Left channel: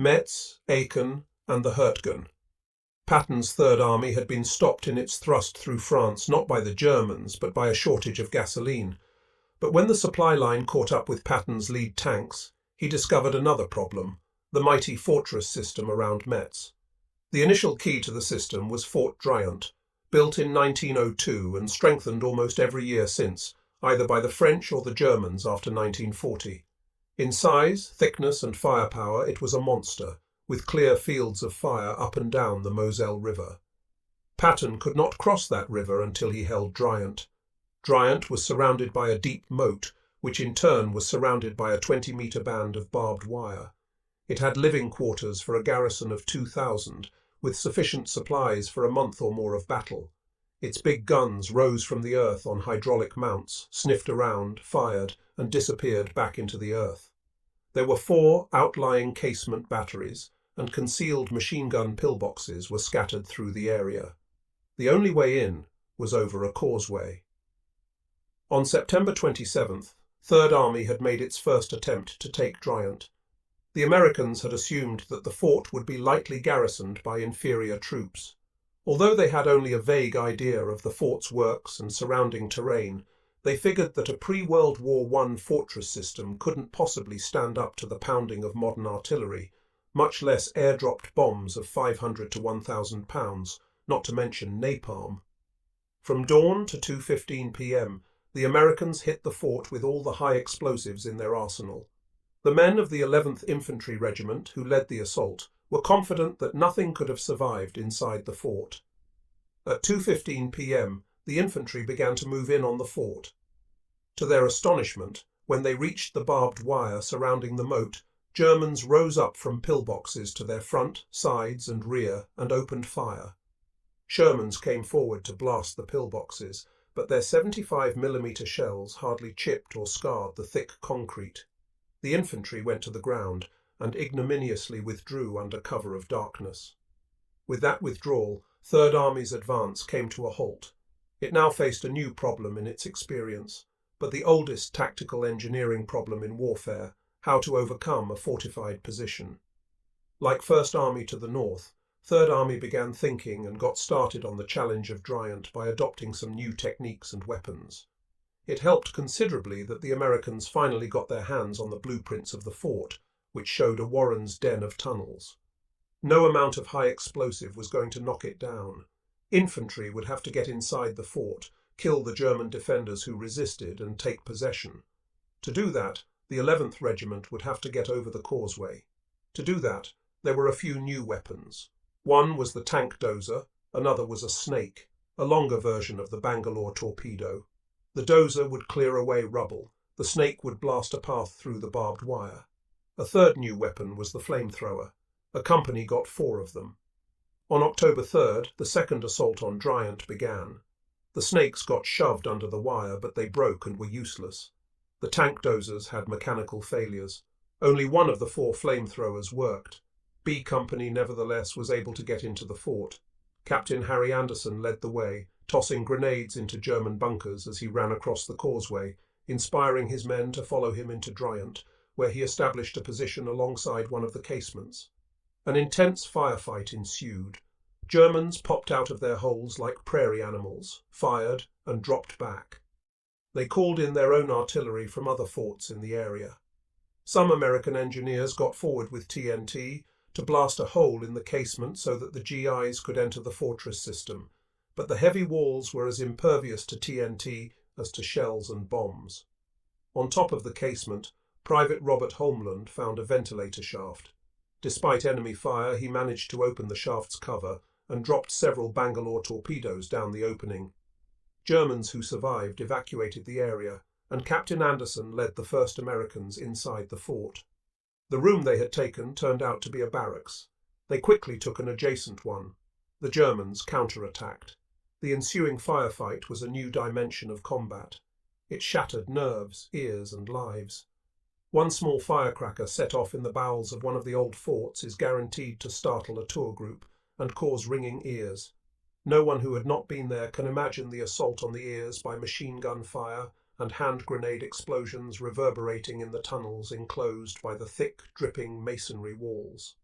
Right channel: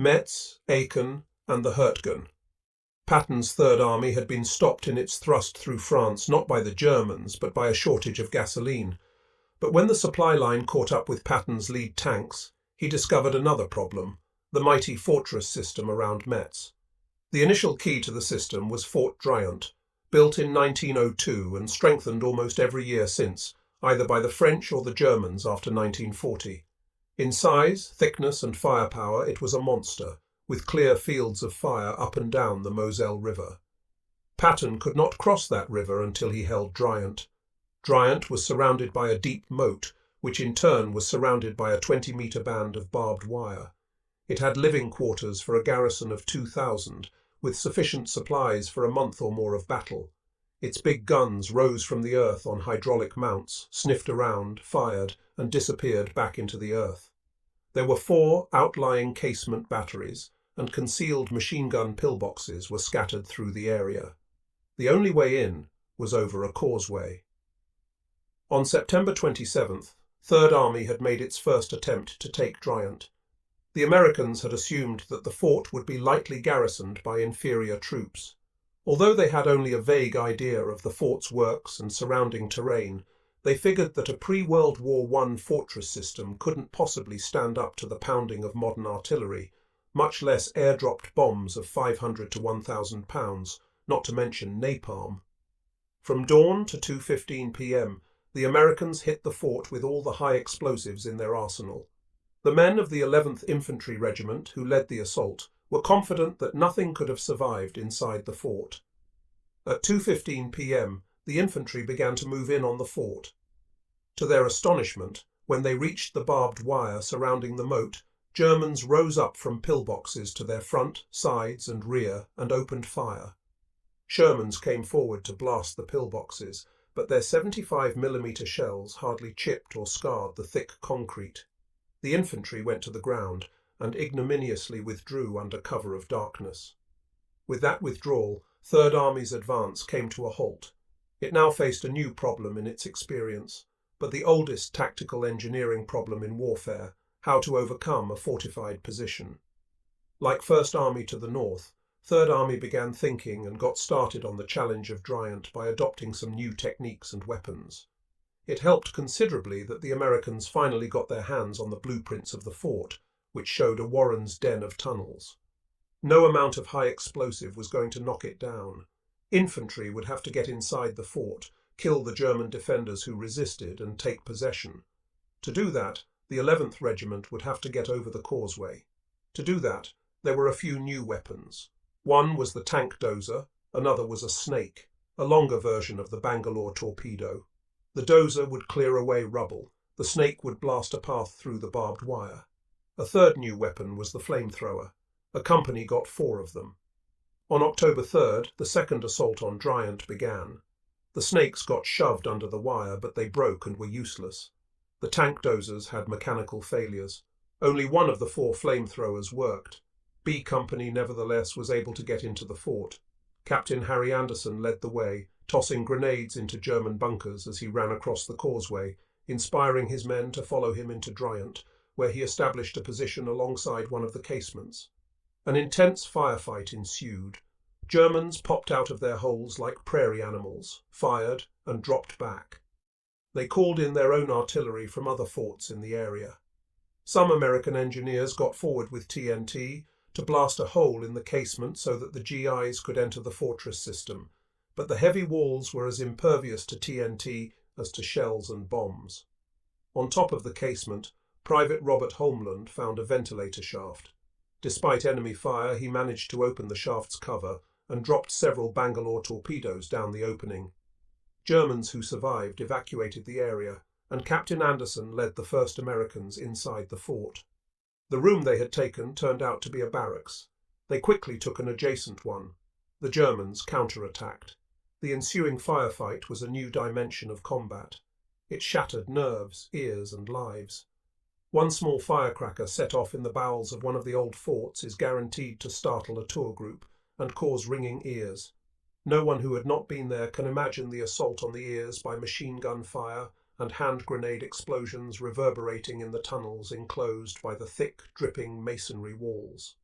Metz, Aachen, and the Hurtgen. Patton's Third Army had been stopped in its thrust through France not by the Germans, but by a shortage of gasoline. But when the supply line caught up with Patton's lead tanks, he discovered another problem, the mighty fortress system around Metz. The initial key to the system was Fort Driant, built in 1902 and strengthened almost every year since, either by the French or the Germans after 1940. In size, thickness, and firepower, it was a monster, with clear fields of fire up and down the Moselle River. Patton could not cross that river until he held Driant. Driant was surrounded by a deep moat, which in turn was surrounded by a 20-metre band of barbed wire. It had living quarters for a garrison of 2,000, with sufficient supplies for a month or more of battle. Its big guns rose from the earth on hydraulic mounts, sniffed around, fired, and disappeared back into the earth. There were 4 outlying casement batteries, and concealed machine gun pillboxes were scattered through the area. The only way in was over a causeway. On September 27th, Third Army had made its first attempt to take Driant. The Americans had assumed that the fort would be lightly garrisoned by inferior troops. Although they had only a vague idea of the fort's works and surrounding terrain, they figured that a pre-World War I fortress system couldn't possibly stand up to the pounding of modern artillery, much less air-dropped bombs of 500 to 1,000 pounds, not to mention napalm. From dawn to 2:15 p.m., the Americans hit the fort with all the high explosives in their arsenal. The men of the 11th Infantry Regiment, who led the assault, were confident that nothing could have survived inside the fort. At 2:15 p.m., the infantry began to move in on the fort. To their astonishment, when they reached the barbed wire surrounding the moat, Germans rose up from pillboxes to their front, sides, and rear and opened fire. Shermans came forward to blast the pillboxes, but their 75mm shells hardly chipped or scarred the thick concrete. The infantry went to the ground and ignominiously withdrew under cover of darkness. With that withdrawal, Third Army's advance came to a halt. It now faced a new problem in its experience, but the oldest tactical engineering problem in warfare, how to overcome a fortified position. Like First Army to the north, Third Army began thinking and got started on the challenge of Driant by adopting some new techniques and weapons. It helped considerably that the Americans finally got their hands on the blueprints of the fort, which showed a Warren's den of tunnels. No amount of high explosive was going to knock it down. Infantry would have to get inside the fort, kill the German defenders who resisted, and take possession. To do that, the 11th Regiment would have to get over the causeway. To do that, there were a few new weapons. One was the tank dozer, another was a snake, a longer version of the Bangalore torpedo. The dozer would clear away rubble, the snake would blast a path through the barbed wire. A third new weapon was the flamethrower. A company got 4 of them. On October 3rd, the second assault on Driant began. The snakes got shoved under the wire, but they broke and were useless. The tank dozers had mechanical failures. Only one of the 4 flamethrowers worked. B Company nevertheless was able to get into the fort. Captain Harry Anderson led the way, tossing grenades into German bunkers as he ran across the causeway, inspiring his men to follow him into Driant, where he established a position alongside one of the casements. An intense firefight ensued. Germans popped out of their holes like prairie animals, fired, and dropped back. They called in their own artillery from other forts in the area. Some American engineers got forward with TNT to blast a hole in the casement so that the GIs could enter the fortress system, but the heavy walls were as impervious to TNT as to shells and bombs. On top of the casement, Private Robert Homeland found a ventilator shaft. Despite enemy fire, he managed to open the shaft's cover and dropped several Bangalore torpedoes down the opening. Germans who survived evacuated the area, and Captain Anderson led the first Americans inside the fort. The room they had taken turned out to be a barracks. They quickly took an adjacent one. The Germans counterattacked. The ensuing firefight was a new dimension of combat. It shattered nerves, ears, and lives. One small firecracker set off in the bowels of one of the old forts is guaranteed to startle a tour group and cause ringing ears. No one who had not been there can imagine the assault on the ears by machine gun fire and hand grenade explosions reverberating in the tunnels enclosed by the thick, dripping masonry walls.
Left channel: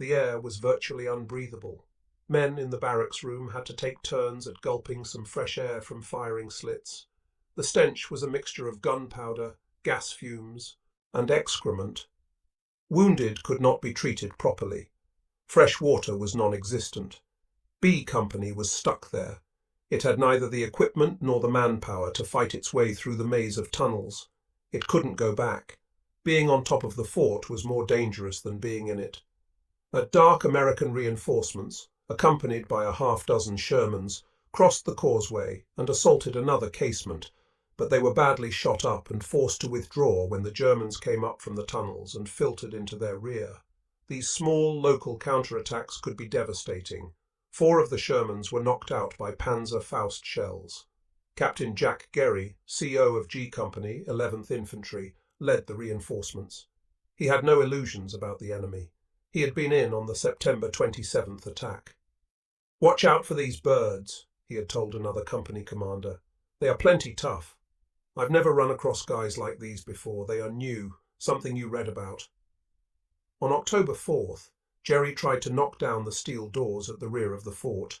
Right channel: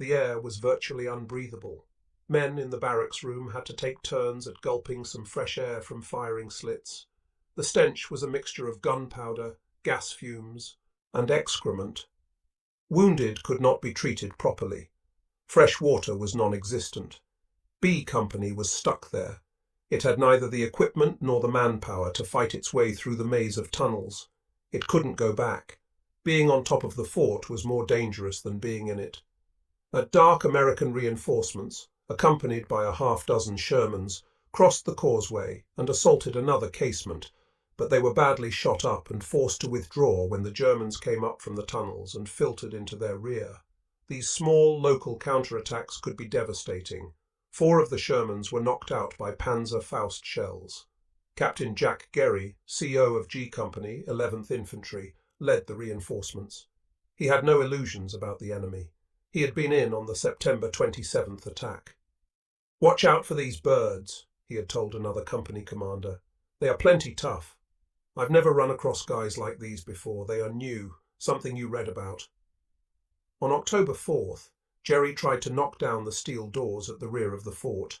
The air was virtually unbreathable. Men in the barracks room had to take turns at gulping some fresh air from firing slits. The stench was a mixture of gunpowder, gas fumes, and excrement. Wounded could not be treated properly. Fresh water was non-existent. B Company was stuck there. It had neither the equipment nor the manpower to fight its way through the maze of tunnels. It couldn't go back. Being on top of the fort was more dangerous than being in it. At dark, American reinforcements, accompanied by a half-dozen Shermans, crossed the causeway and assaulted another casemate, but they were badly shot up and forced to withdraw when the Germans came up from the tunnels and filtered into their rear. These small local counterattacks could be devastating. 4 of the Shermans were knocked out by Panzer Faust shells. Captain Jack Gerry, CO of G Company, 11th Infantry, led the reinforcements. He had no illusions about the enemy. He had been in on the September 27th attack. "Watch out for these birds," he had told another company commander. "They are plenty tough. I've never run across guys like these before. They are new, something you read about." On October 4th, Gerry tried to knock down the steel doors at the rear of the fort.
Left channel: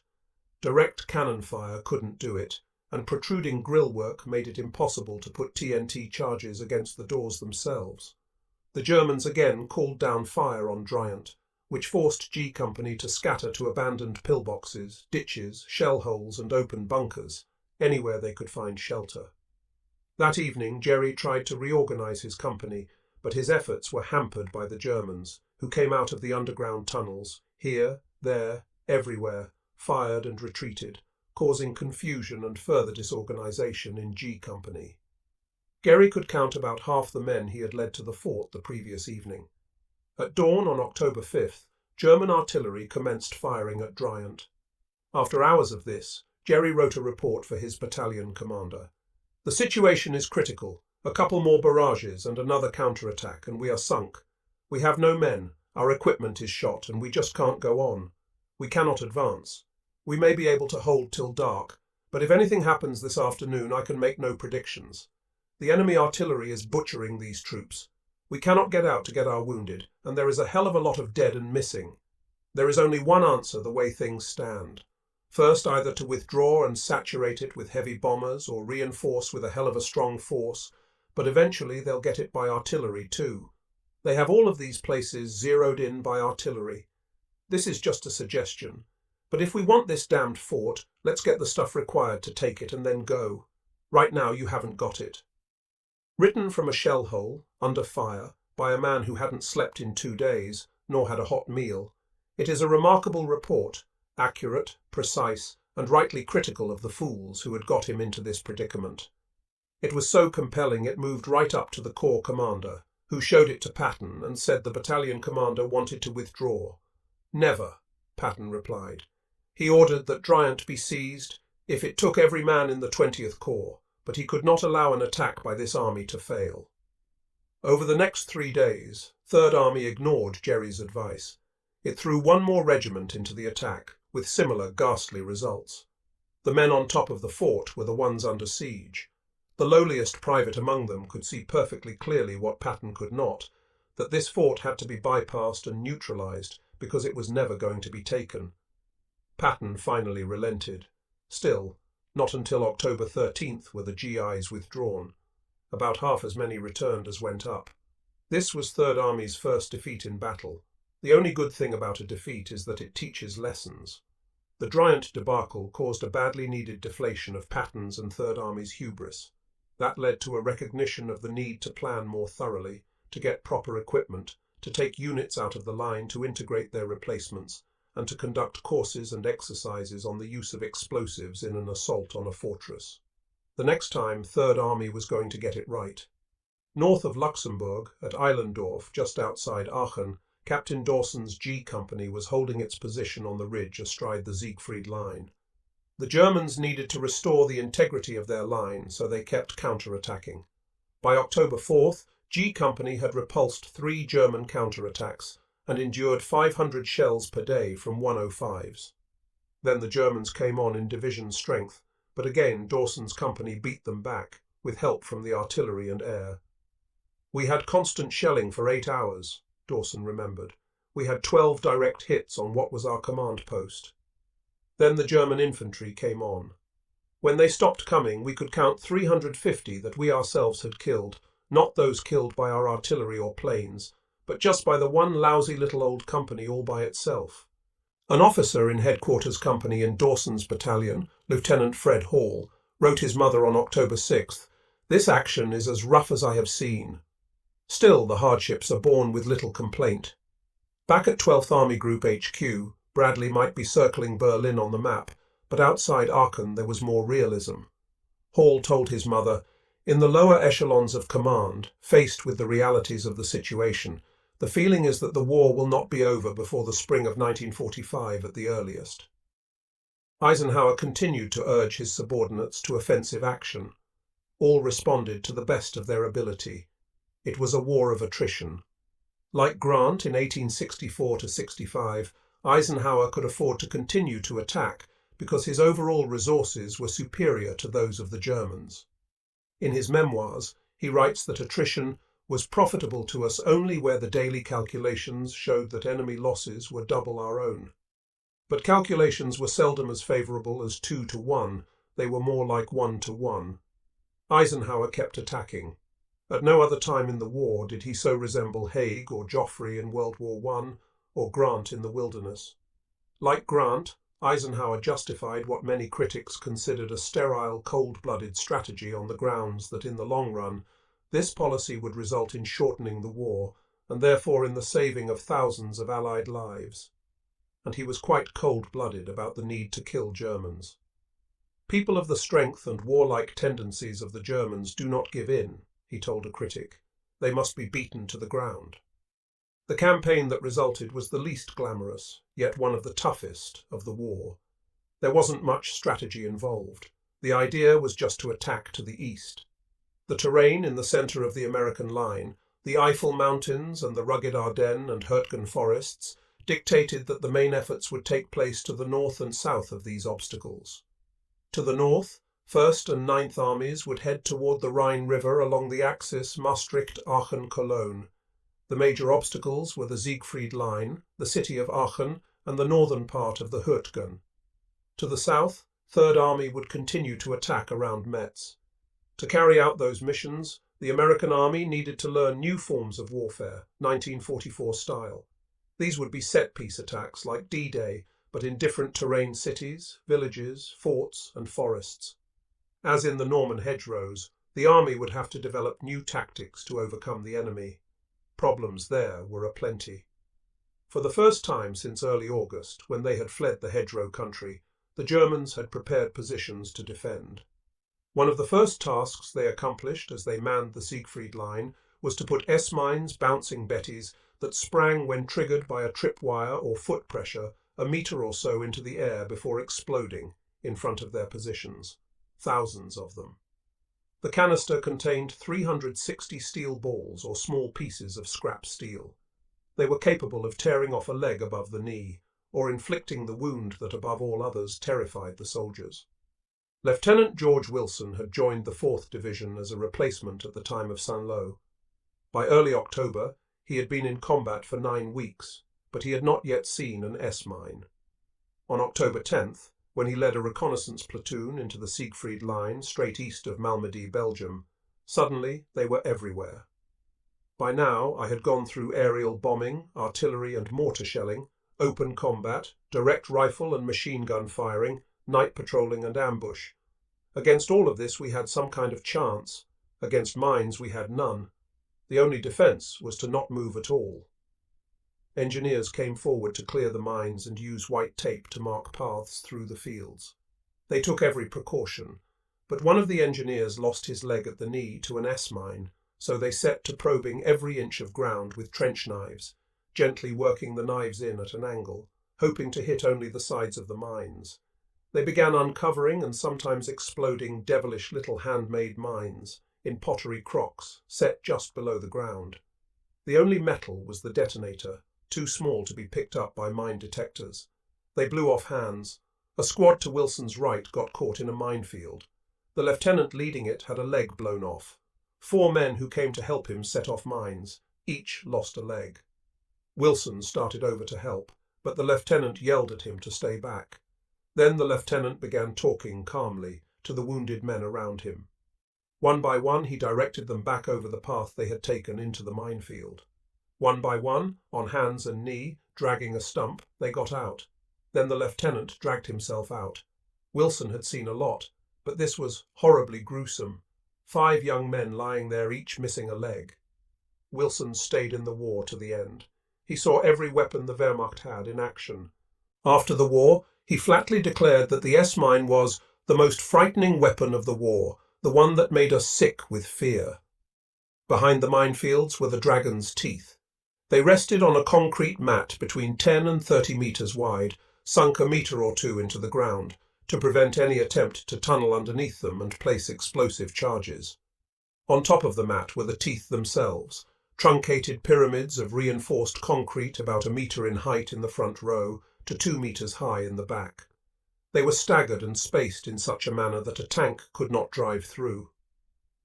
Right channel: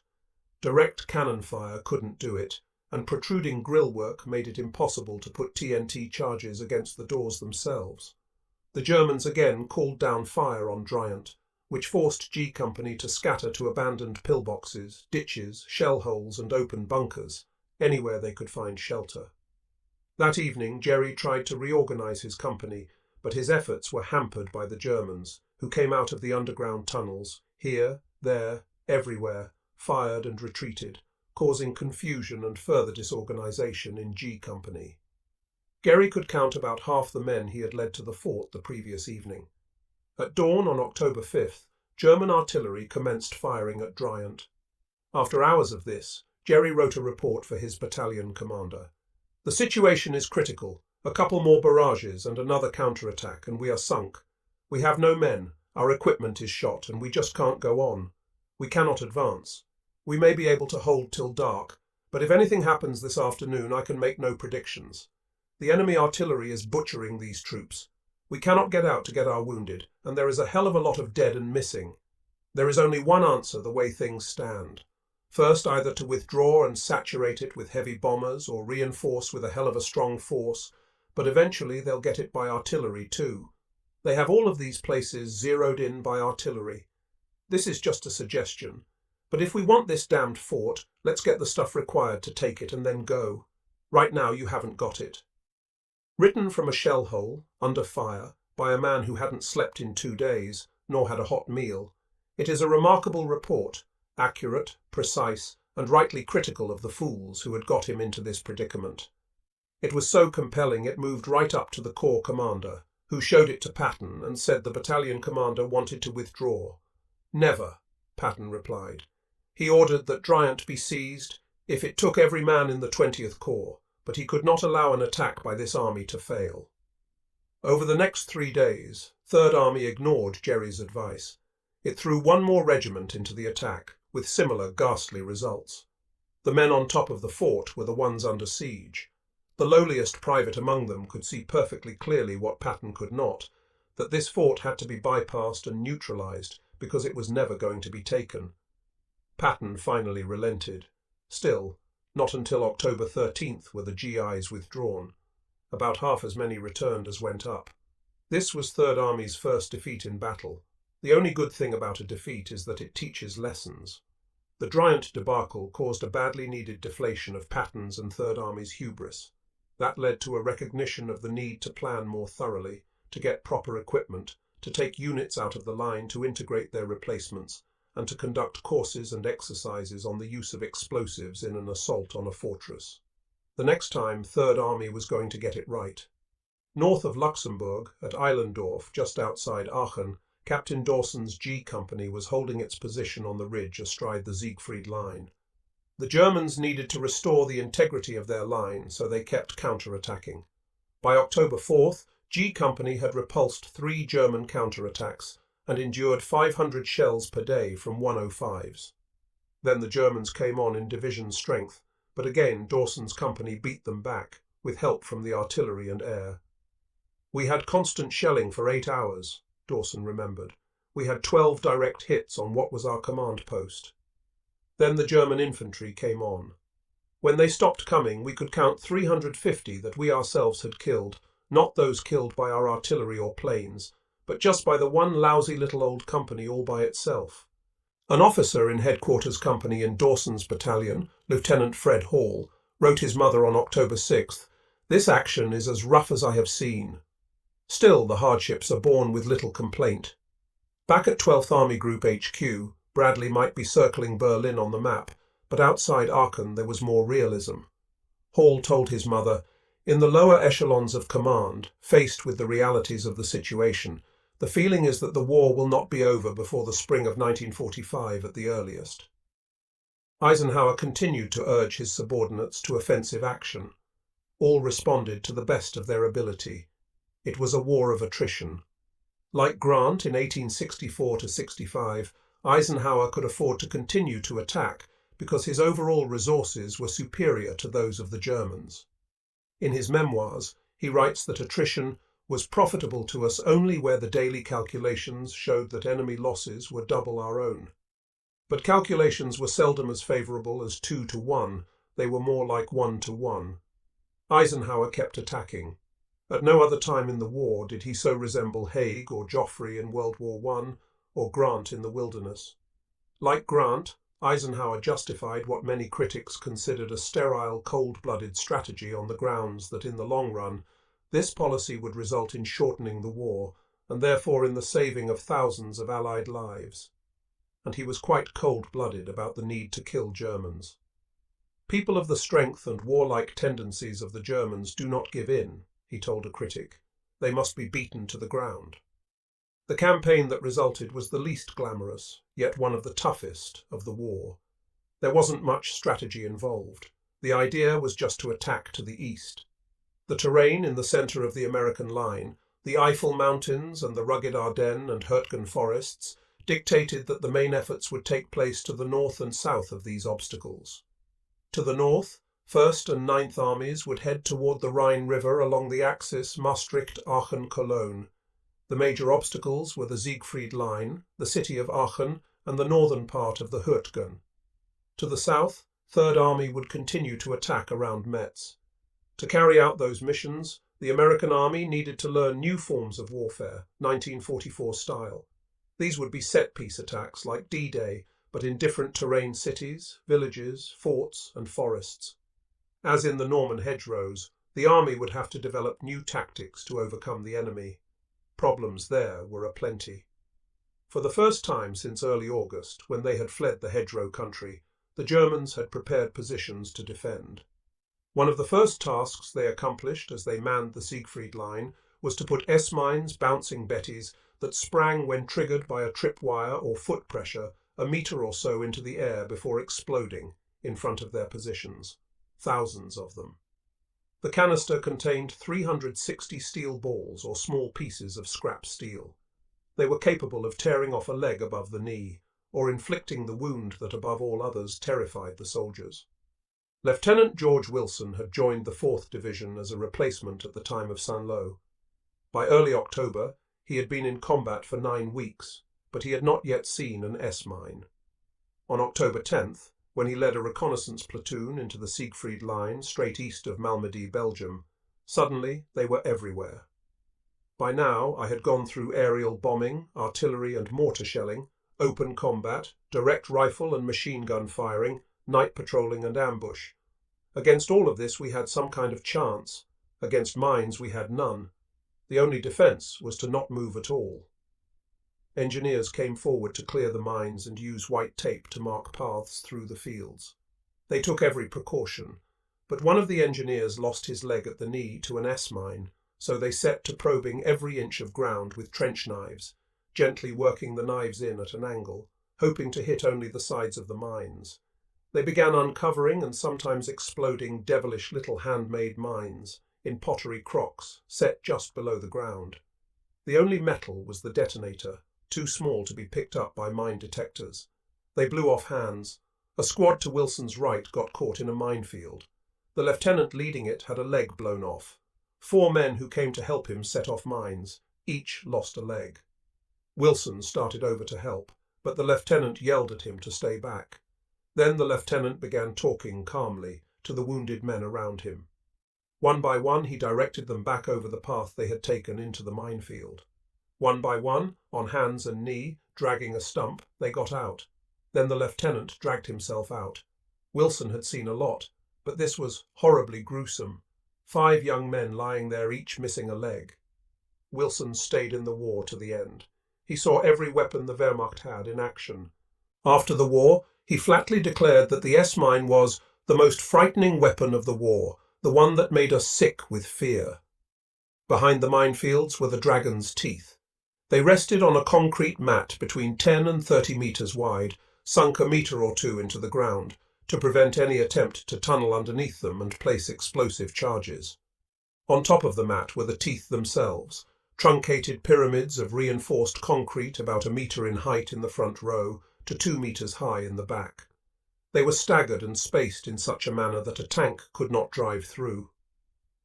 Direct cannon fire couldn't do it, and protruding grillwork made it impossible to put TNT charges against the doors themselves. The Germans again called down fire on Driant, which forced G Company to scatter to abandoned pillboxes, ditches, shell holes and open bunkers, anywhere they could find shelter. That evening Gerry tried to reorganize his company, but his efforts were hampered by the Germans, who came out of the underground tunnels, here, there, everywhere, fired and retreated, causing confusion and further disorganization in G Company. Gerry could count about half the men he had led to the fort the previous evening. At dawn on October 5th, German artillery commenced firing at Driant. After hours of this, Gerry wrote a report for his battalion commander. "The situation is critical. A couple more barrages and another counterattack, and we are sunk. We have no men, our equipment is shot, and we just can't go on. We cannot advance. We may be able to hold till dark, but if anything happens this afternoon, I can make no predictions. The enemy artillery is butchering these troops. We cannot get out to get our wounded, and there is a hell of a lot of dead and missing. There is only one answer the way things stand. First, either to withdraw and saturate it with heavy bombers or reinforce with a hell of a strong force, but eventually they'll get it by artillery too. They have all of these places zeroed in by artillery. This is just a suggestion. But if we want this damned fort, let's get the stuff required to take it and then go. Right now you haven't got it." Written from a shell hole, under fire, by a man who hadn't slept in 2 days, nor had a hot meal, it is a remarkable report, accurate, precise, and rightly critical of the fools who had got him into this predicament. It was so compelling it moved right up to the corps commander, who showed it to Patton and said the battalion commander wanted to withdraw. "Never," Patton replied. He ordered that Driant be seized, if it took every man in the 20th Corps, but he could not allow an attack by this army to fail. Over the next 3 days, 3rd Army ignored Gerry's advice. It threw one more regiment into the attack, with similar ghastly results. The men on top of the fort were the ones under siege. The lowliest private among them could see perfectly clearly what Patton could not, that this fort had to be bypassed and neutralized because it was never going to be taken. Patton finally relented. Still, not until October 13th were the GIs withdrawn. About half as many returned as went up. This was 3rd Army's first defeat in battle. The only good thing about a defeat is that it teaches lessons. The Driant debacle caused a badly needed deflation of Patton's and 3rd Army's hubris. That led to a recognition of the need to plan more thoroughly, to get proper equipment, to take units out of the line to integrate their replacements, and to conduct courses and exercises on the use of explosives in an assault on a fortress. The next time, 3rd Army was going to get it right. North of Luxembourg, at Eilendorf, just outside Aachen, Captain Dawson's G Company was holding its position on the ridge astride the Siegfried Line. The Germans needed to restore the integrity of their line, so they kept counter-attacking. By October 4th, G Company had repulsed 3 German counterattacks and endured 500 shells per day from 105s. Then the Germans came on in division strength, but again Dawson's company beat them back, with help from the artillery and air. "We had constant shelling for 8 hours, Dawson remembered. we had 12 direct hits on what was our command post. Then the German infantry came on. When they stopped coming, we could count 350 that we ourselves had killed, not those killed by our artillery or planes, but just by the one lousy little old company all by itself. An officer in headquarters company in Dawson's battalion, Lieutenant Fred Hall, wrote his mother on October 6th, "This action is as rough as I have seen." Still, the hardships are borne with little complaint. Back at 12th Army Group HQ, Bradley might be circling Berlin on the map, but outside Aachen there was more realism. Hall told his mother, "In the lower echelons of command, faced with the realities of the situation, the feeling is that the war will not be over before the spring of 1945 at the earliest." Eisenhower continued to urge his subordinates to offensive action. All responded to the best of their ability. It was a war of attrition. Like Grant in 1864–65, Eisenhower could afford to continue to attack because his overall resources were superior to those of the Germans. In his memoirs, he writes that attrition was profitable to us only where the daily calculations showed that enemy losses were double our own. But calculations were seldom as favourable as 2 to 1, they were more like 1 to 1. Eisenhower kept attacking. At no other time in the war did he so resemble Haig or Joffre in World War I, or Grant in the Wilderness. Like Grant, Eisenhower justified what many critics considered a sterile, cold-blooded strategy on the grounds that in the long run, this policy would result in shortening the war, and therefore in the saving of thousands of Allied lives. And he was quite cold-blooded about the need to kill Germans. "People of the strength and warlike tendencies of the Germans do not give in," he told a critic. "They must be beaten to the ground." The campaign that resulted was the least glamorous, yet one of the toughest, of the war. There wasn't much strategy involved. The idea was just to attack to the east. The terrain in the centre of the American line, the Eifel Mountains and the rugged Ardennes and Hurtgen forests, dictated that the main efforts would take place to the north and south of these obstacles. To the north, 1st and 9th Armies would head toward the Rhine River along the axis Maastricht-Aachen-Cologne. The major obstacles were the Siegfried Line, the city of Aachen, and the northern part of the Hurtgen. To the south, 3rd Army would continue to attack around Metz. To carry out those missions, the American Army needed to learn new forms of warfare, 1944 style. These would be set-piece attacks like D-Day, but in different terrain cities, villages, forts, and forests. As in the Norman hedgerows, the army would have to develop new tactics to overcome the enemy. Problems there were aplenty. For the first time since early August, when they had fled the hedgerow country, the Germans had prepared positions to defend. One of the first tasks they accomplished as they manned the Siegfried Line was to put S-mines, bouncing betties, that sprang when triggered by a tripwire or foot pressure a metre or so into the air before exploding in front of their positions. Thousands of them. The canister contained 360 steel balls or small pieces of scrap steel. They were capable of tearing off a leg above the knee, or inflicting the wound that above all others terrified the soldiers. Lieutenant George Wilson had joined the 4th Division as a replacement at the time of Saint-Lô. By early October, he had been in combat for 9 weeks, but he had not yet seen an S-mine. On October 10th, when he led a reconnaissance platoon into the Siegfried Line straight east of Malmedy, Belgium, suddenly they were everywhere. By now I had gone through aerial bombing, artillery and mortar shelling, open combat, direct rifle and machine gun firing, night patrolling and ambush. Against all of this we had some kind of chance. Against mines we had none. The only defence was to not move at all. Engineers came forward to clear the mines and use white tape to mark paths through the fields. They took every precaution, but one of the engineers lost his leg at the knee to an S-mine, so they set to probing every inch of ground with trench knives, gently working the knives in at an angle, hoping to hit only the sides of the mines. They began uncovering and sometimes exploding devilish little handmade mines in pottery crocks set just below the ground. The only metal was the detonator, too small to be picked up by mine detectors. They blew off hands. A squad to Wilson's right got caught in a minefield. The lieutenant leading it had a leg blown off. 4 men who came to help him set off mines. Each lost a leg. Wilson started over to help, but the lieutenant yelled at him to stay back. Then the lieutenant began talking calmly to the wounded men around him. One by one, he directed them back over the path they had taken into the minefield. One by one, on hands and knee, dragging a stump, they got out. Then the lieutenant dragged himself out. Wilson had seen a lot, but this was horribly gruesome. 5 young men lying there, each missing a leg. Wilson stayed in the war to the end. He saw every weapon the Wehrmacht had in action. After the war, he flatly declared that the S-mine was the most frightening weapon of the war, the one that made us sick with fear. Behind the minefields were the dragon's teeth. They rested on a concrete mat between 10 and 30 meters wide, sunk a meter or two into the ground, to prevent any attempt to tunnel underneath them and place explosive charges. On top of the mat were the teeth themselves, truncated pyramids of reinforced concrete about a meter in height in the front row to 2 meters high in the back. They were staggered and spaced in such a manner that a tank could not drive through.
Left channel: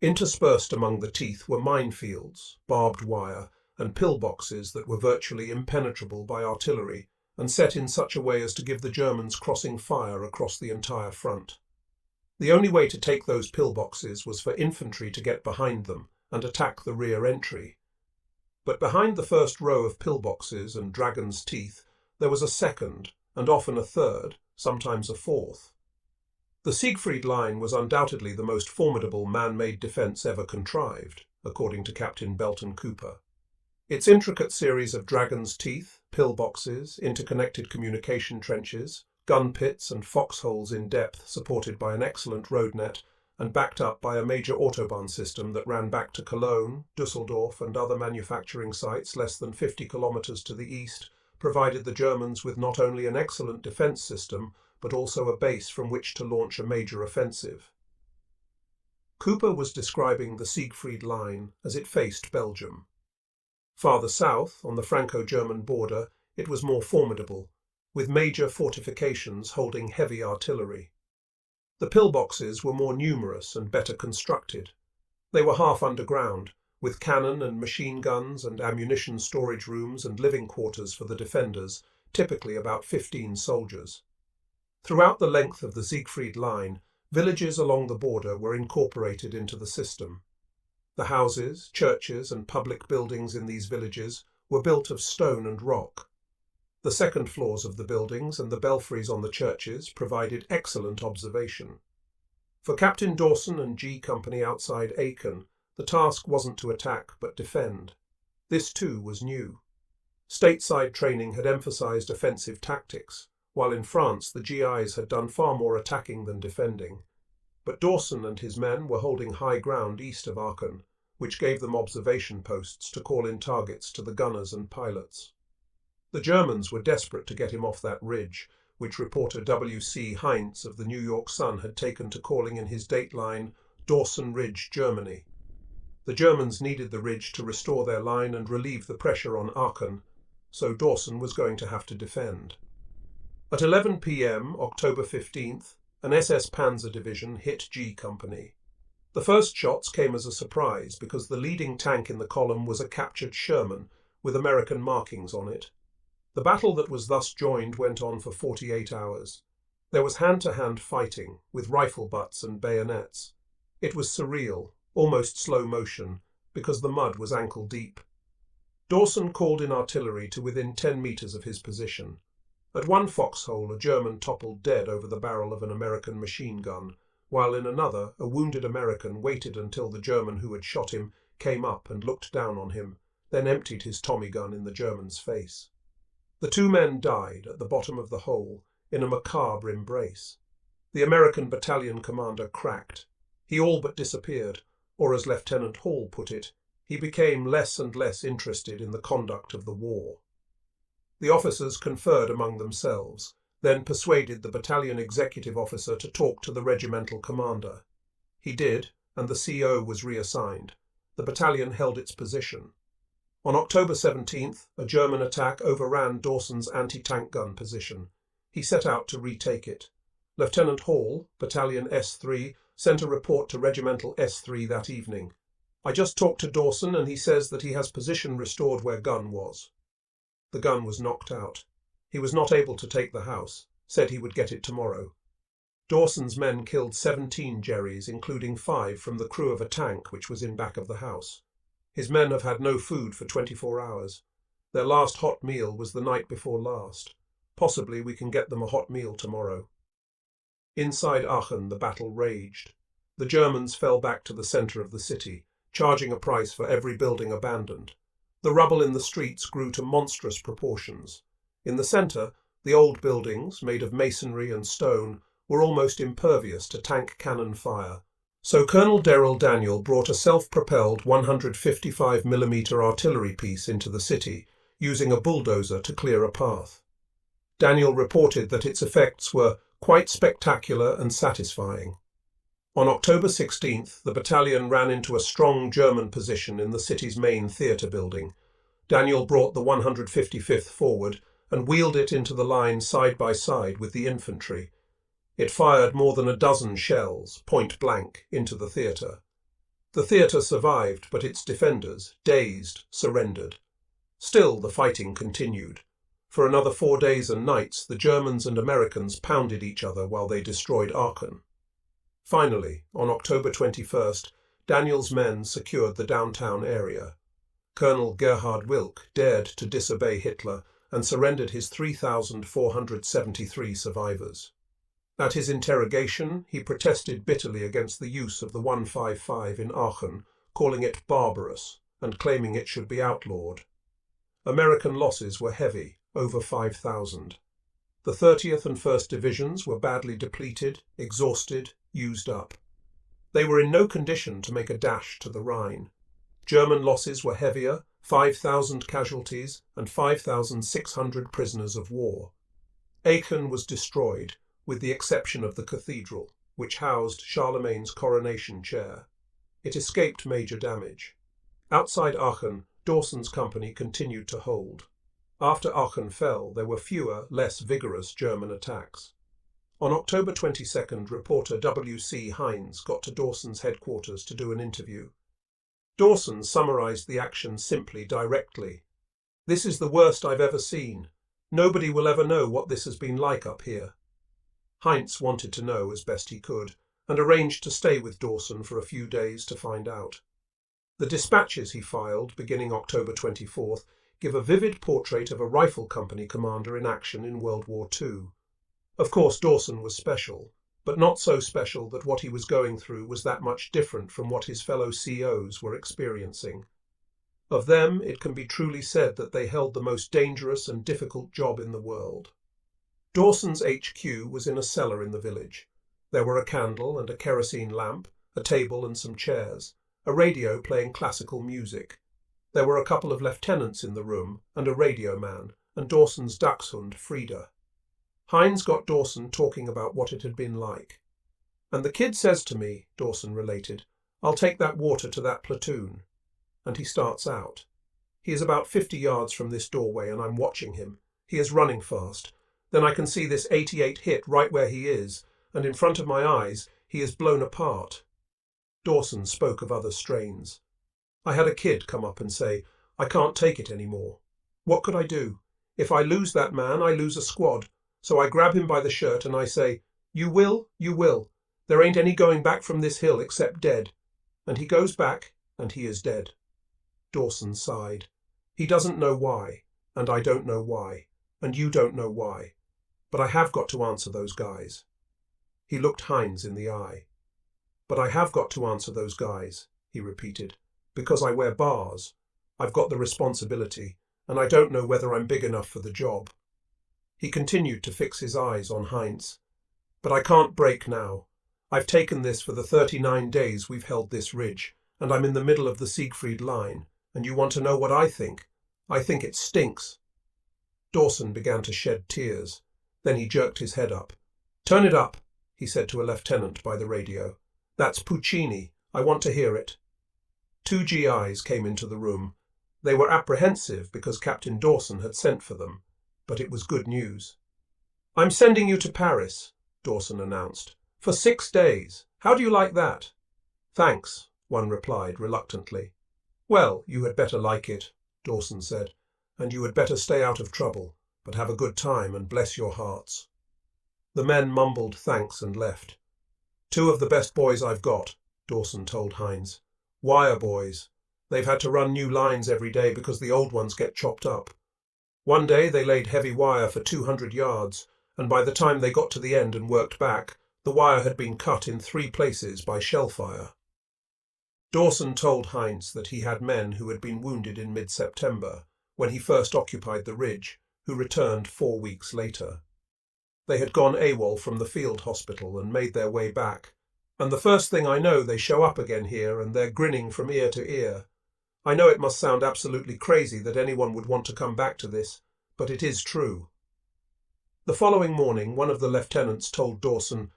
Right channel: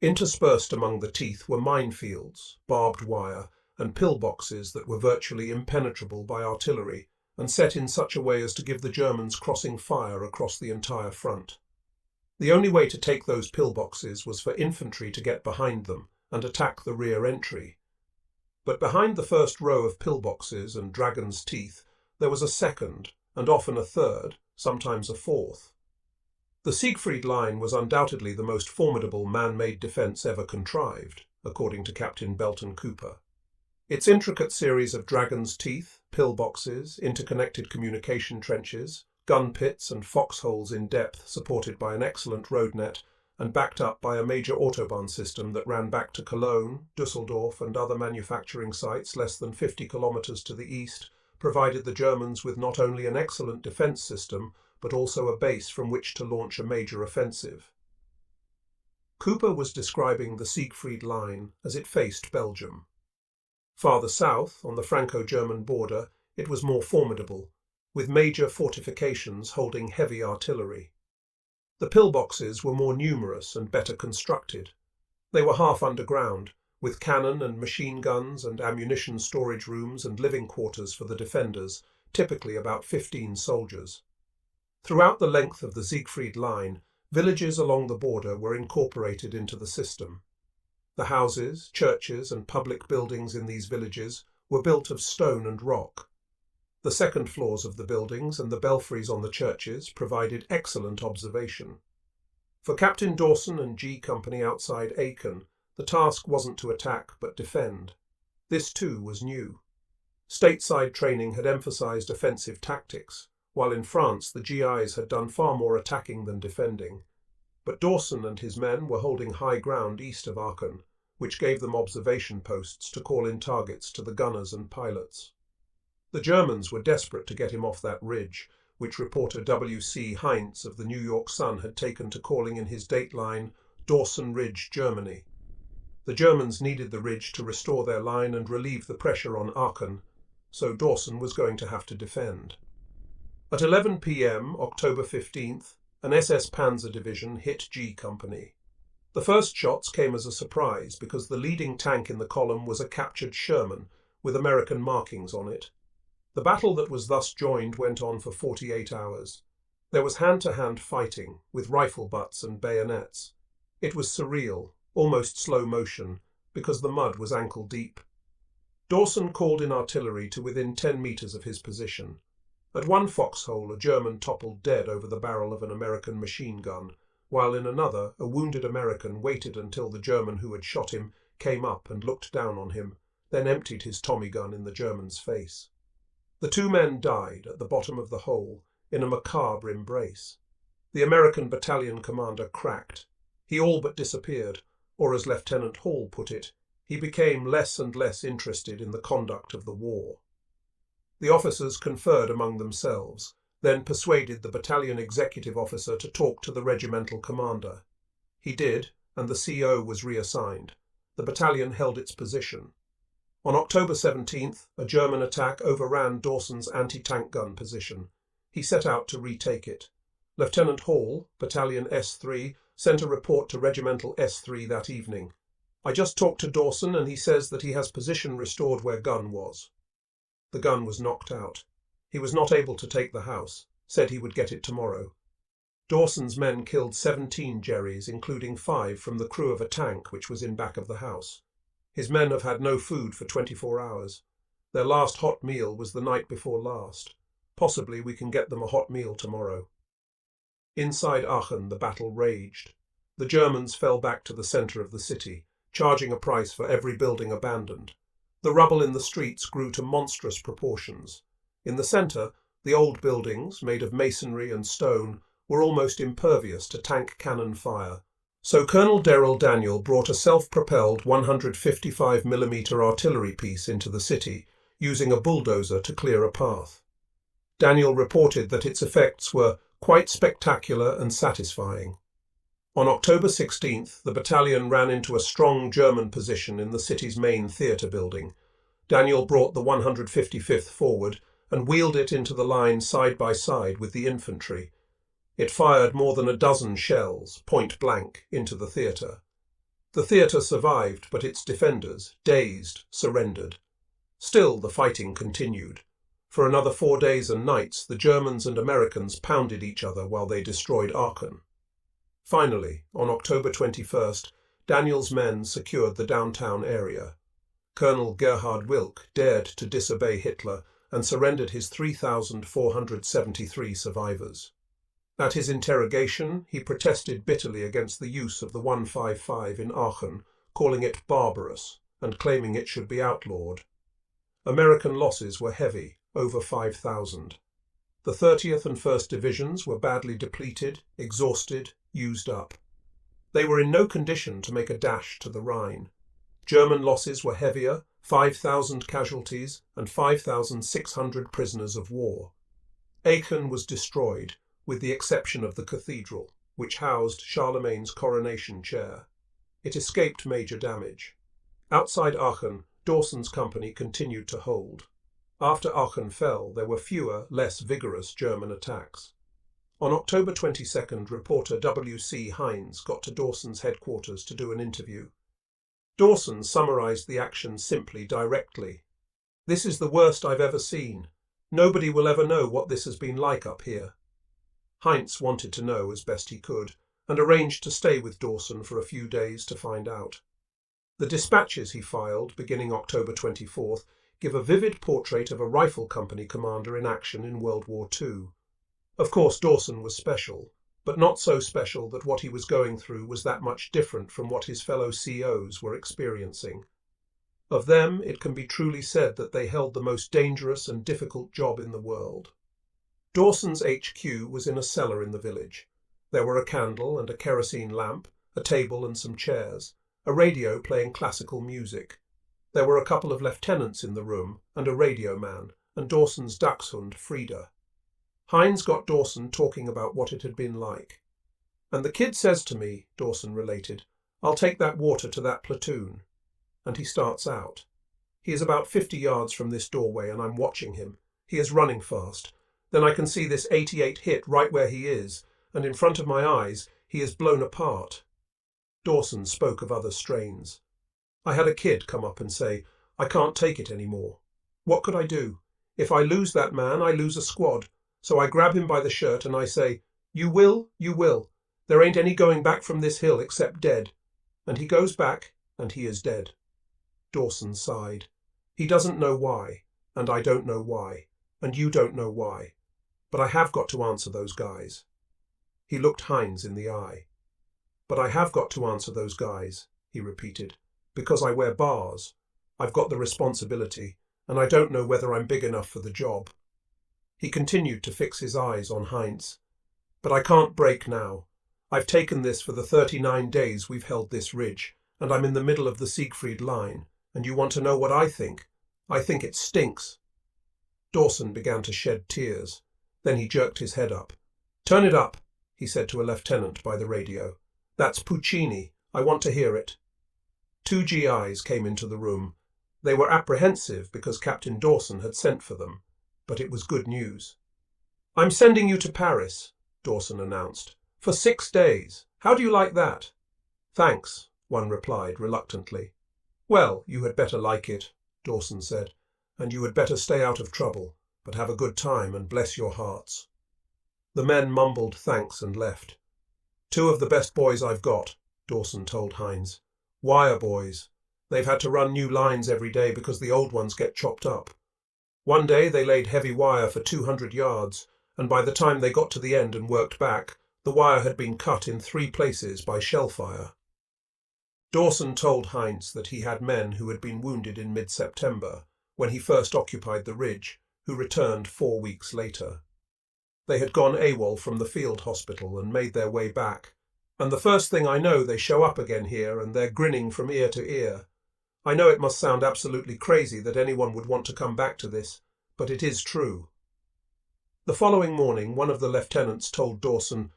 Interspersed among the teeth were minefields, barbed wire, and pillboxes that were virtually impenetrable by artillery and set in such a way as to give the Germans crossing fire across the entire front. The only way to take those pillboxes was for infantry to get behind them and attack the rear entry. But behind the first row of pillboxes and dragon's teeth, there was a second, and often a third, sometimes a fourth. The Siegfried Line was undoubtedly the most formidable man-made defence ever contrived, according to Captain Belton Cooper. Its intricate series of dragon's teeth, pillboxes, interconnected communication trenches, gun pits and foxholes in depth supported by an excellent road net and backed up by a major autobahn system that ran back to Cologne, Düsseldorf and other manufacturing sites less than 50 kilometers to the east, provided the Germans with not only an excellent defence system, but also a base from which to launch a major offensive. Cooper was describing the Siegfried Line as it faced Belgium. Farther south, on the Franco-German border, it was more formidable, with major fortifications holding heavy artillery. The pillboxes were more numerous and better constructed. They were half underground, with cannon and machine guns and ammunition storage rooms and living quarters for the defenders, typically about 15 soldiers. Throughout the length of the Siegfried Line, villages along the border were incorporated into the system. The houses, churches and public buildings in these villages were built of stone and rock. The second floors of the buildings and the belfries on the churches provided excellent observation. For Captain Dawson and G Company outside Aachen, the task wasn't to attack but defend. This too was new. Stateside training had emphasized offensive tactics, while in France the GIs had done far more attacking than defending. But Dawson and his men were holding high ground east of Aachen, which gave them observation posts to call in targets to the gunners and pilots. The Germans were desperate to get him off that ridge, which reporter W.C. Heinz of the New York Sun had taken to calling in his dateline Dawson Ridge, Germany. The Germans needed the ridge to restore their line and relieve the pressure on Aachen, so Dawson was going to have to defend. At 11 p.m., October 15th, an SS Panzer division hit G Company. The first shots came as a surprise because the leading tank in the column was a captured Sherman with American markings on it. The battle that was thus joined went on for 48 hours. There was hand-to-hand fighting, with rifle butts and bayonets. It was surreal, almost slow motion, because the mud was ankle-deep. Dawson called in artillery to within 10 meters of his position. At one foxhole, a German toppled dead over the barrel of an American machine gun, while in another, a wounded American waited until the German who had shot him came up and looked down on him, then emptied his Tommy gun in the German's face. The 2 men died at the bottom of the hole in a macabre embrace. The American battalion commander cracked. He all but disappeared, or as Lieutenant Hall put it, he became less and less interested in the conduct of the war. The officers conferred among themselves, then persuaded the battalion executive officer to talk to the regimental commander. He did, and the CO was reassigned. The battalion held its position. On October 17th, a German attack overran Dawson's anti-tank gun position. He set out to retake it. Lieutenant Hall, Battalion S3, sent a report to Regimental S3 that evening. I just talked to Dawson and he says that he has position restored where gun was. The gun was knocked out. He was not able to take the house, said he would get it tomorrow. Dawson's men killed 17 Jerrys, including 5 from the crew of a tank which was in back of the house. His men have had no food for 24 hours. Their last hot meal was the night before last. Possibly we can get them a hot meal tomorrow. Inside Aachen, the battle raged. The Germans fell back to the centre of the city, charging a price for every building abandoned. The rubble in the streets grew to monstrous proportions. In the centre, the old buildings, made of masonry and stone, were almost impervious to tank cannon fire. So Colonel General Daniel brought a self-propelled 155mm artillery piece into the city, using a bulldozer to clear a path. Daniel reported that its effects were quite spectacular and satisfying. On October 16th, the battalion ran into a strong German position in the city's main theatre building. Daniel brought the 155th forward and wheeled it into the line side by side with the infantry. It fired more than a dozen shells, point blank, into the theatre. The theatre survived, but its defenders, dazed, surrendered. Still the fighting continued. For another 4 days and nights, the Germans and Americans pounded each other while they destroyed Aachen. Finally, on October 21st, Daniel's men secured the downtown area. Colonel Gerhard Wilk dared to disobey Hitler and surrendered his 3,473 survivors. At his interrogation, he protested bitterly against the use of the 155 in Aachen, calling it barbarous and claiming it should be outlawed. American losses were heavy, over 5,000. The 30th and 1st Divisions were badly depleted, exhausted, used up. They were in no condition to make a dash to the Rhine. German losses were heavier, 5,000 casualties and 5,600 prisoners of war. Aachen was destroyed, with the exception of the cathedral, which housed Charlemagne's coronation chair. It escaped major damage. Outside Aachen, Dawson's company continued to hold. After Aachen fell, there were fewer, less vigorous German attacks. On October 22nd, reporter W.C. Hines got to Dawson's headquarters to do an interview. Dawson summarized the action simply, directly. "This is the worst I've ever seen. Nobody will ever know what this has been like up here." Heinz wanted to know as best he could, and arranged to stay with Dawson for a few days to find out. The dispatches he filed, beginning October 24th, give a vivid portrait of a rifle company commander in action in World War II. Of course, Dawson was special, but not so special that what he was going through was that much different from what his fellow COs were experiencing. Of them, it can be truly said that they held the most dangerous and difficult job in the world. Dawson's HQ was in a cellar in the village. There were a candle and a kerosene lamp, a table and some chairs, a radio playing classical music. There were a couple of lieutenants in the room, and a radio man, and Dawson's dachshund, Frida. Heinz got Dawson talking about what it had been like. "And the kid says to me," Dawson related, "I'll take that water to that platoon." And he starts out. He is about 50 yards from this doorway, and I'm watching him. He is running fast. Then I can see this 88 hit right where he is, and in front of my eyes he is blown apart. Dawson spoke of other strains. I had a kid come up and say, "I can't take it anymore." What could I do? If I lose that man, I lose a squad. So I grab him by the shirt and I say, "You will, you will. There ain't any going back from this hill except dead." And he goes back, and he is dead. Dawson sighed. He doesn't know why, and I don't know why, and you don't know why. But I have got to answer those guys. He looked Heinz in the eye. "But I have got to answer those guys," he repeated, "because I wear bars. I've got the responsibility, and I don't know whether I'm big enough for the job." He continued to fix his eyes on Heinz. "But I can't break now. I've taken this for the 39 days we've held this ridge, and I'm in the middle of the Siegfried Line, and you want to know what I think? I think it stinks." Dawson began to shed tears. Then he jerked his head up. "Turn it up," he said to a lieutenant by the radio. "That's Puccini. I want to hear it." 2 GIs came into the room. They were apprehensive because Captain Dawson had sent for them, but it was good news. "I'm sending you to Paris," Dawson announced, "for 6 days. How do you like that?" "Thanks," one replied reluctantly. "Well, you had better like it," Dawson said. and you had better stay out of trouble, but have a good time and bless your hearts." The men mumbled thanks and left. "Two of the best boys I've got," Dawson told Hines. "Wire boys. They've had to run new lines every day because the old ones get chopped up. One day they laid heavy wire for 200 yards, and by the time they got to the end and worked back, the wire had been cut in 3 places by shell fire." Dawson told Heinz that he had men who had been wounded in mid-September, when he first occupied the ridge, who returned 4 weeks later. They had gone AWOL from the field hospital and made their way back, and the first thing I know they show up again here and they're grinning from ear to ear. I know it must sound absolutely crazy that anyone would want to come back to this, but it is true. The following morning, one of the lieutenants told Dawson,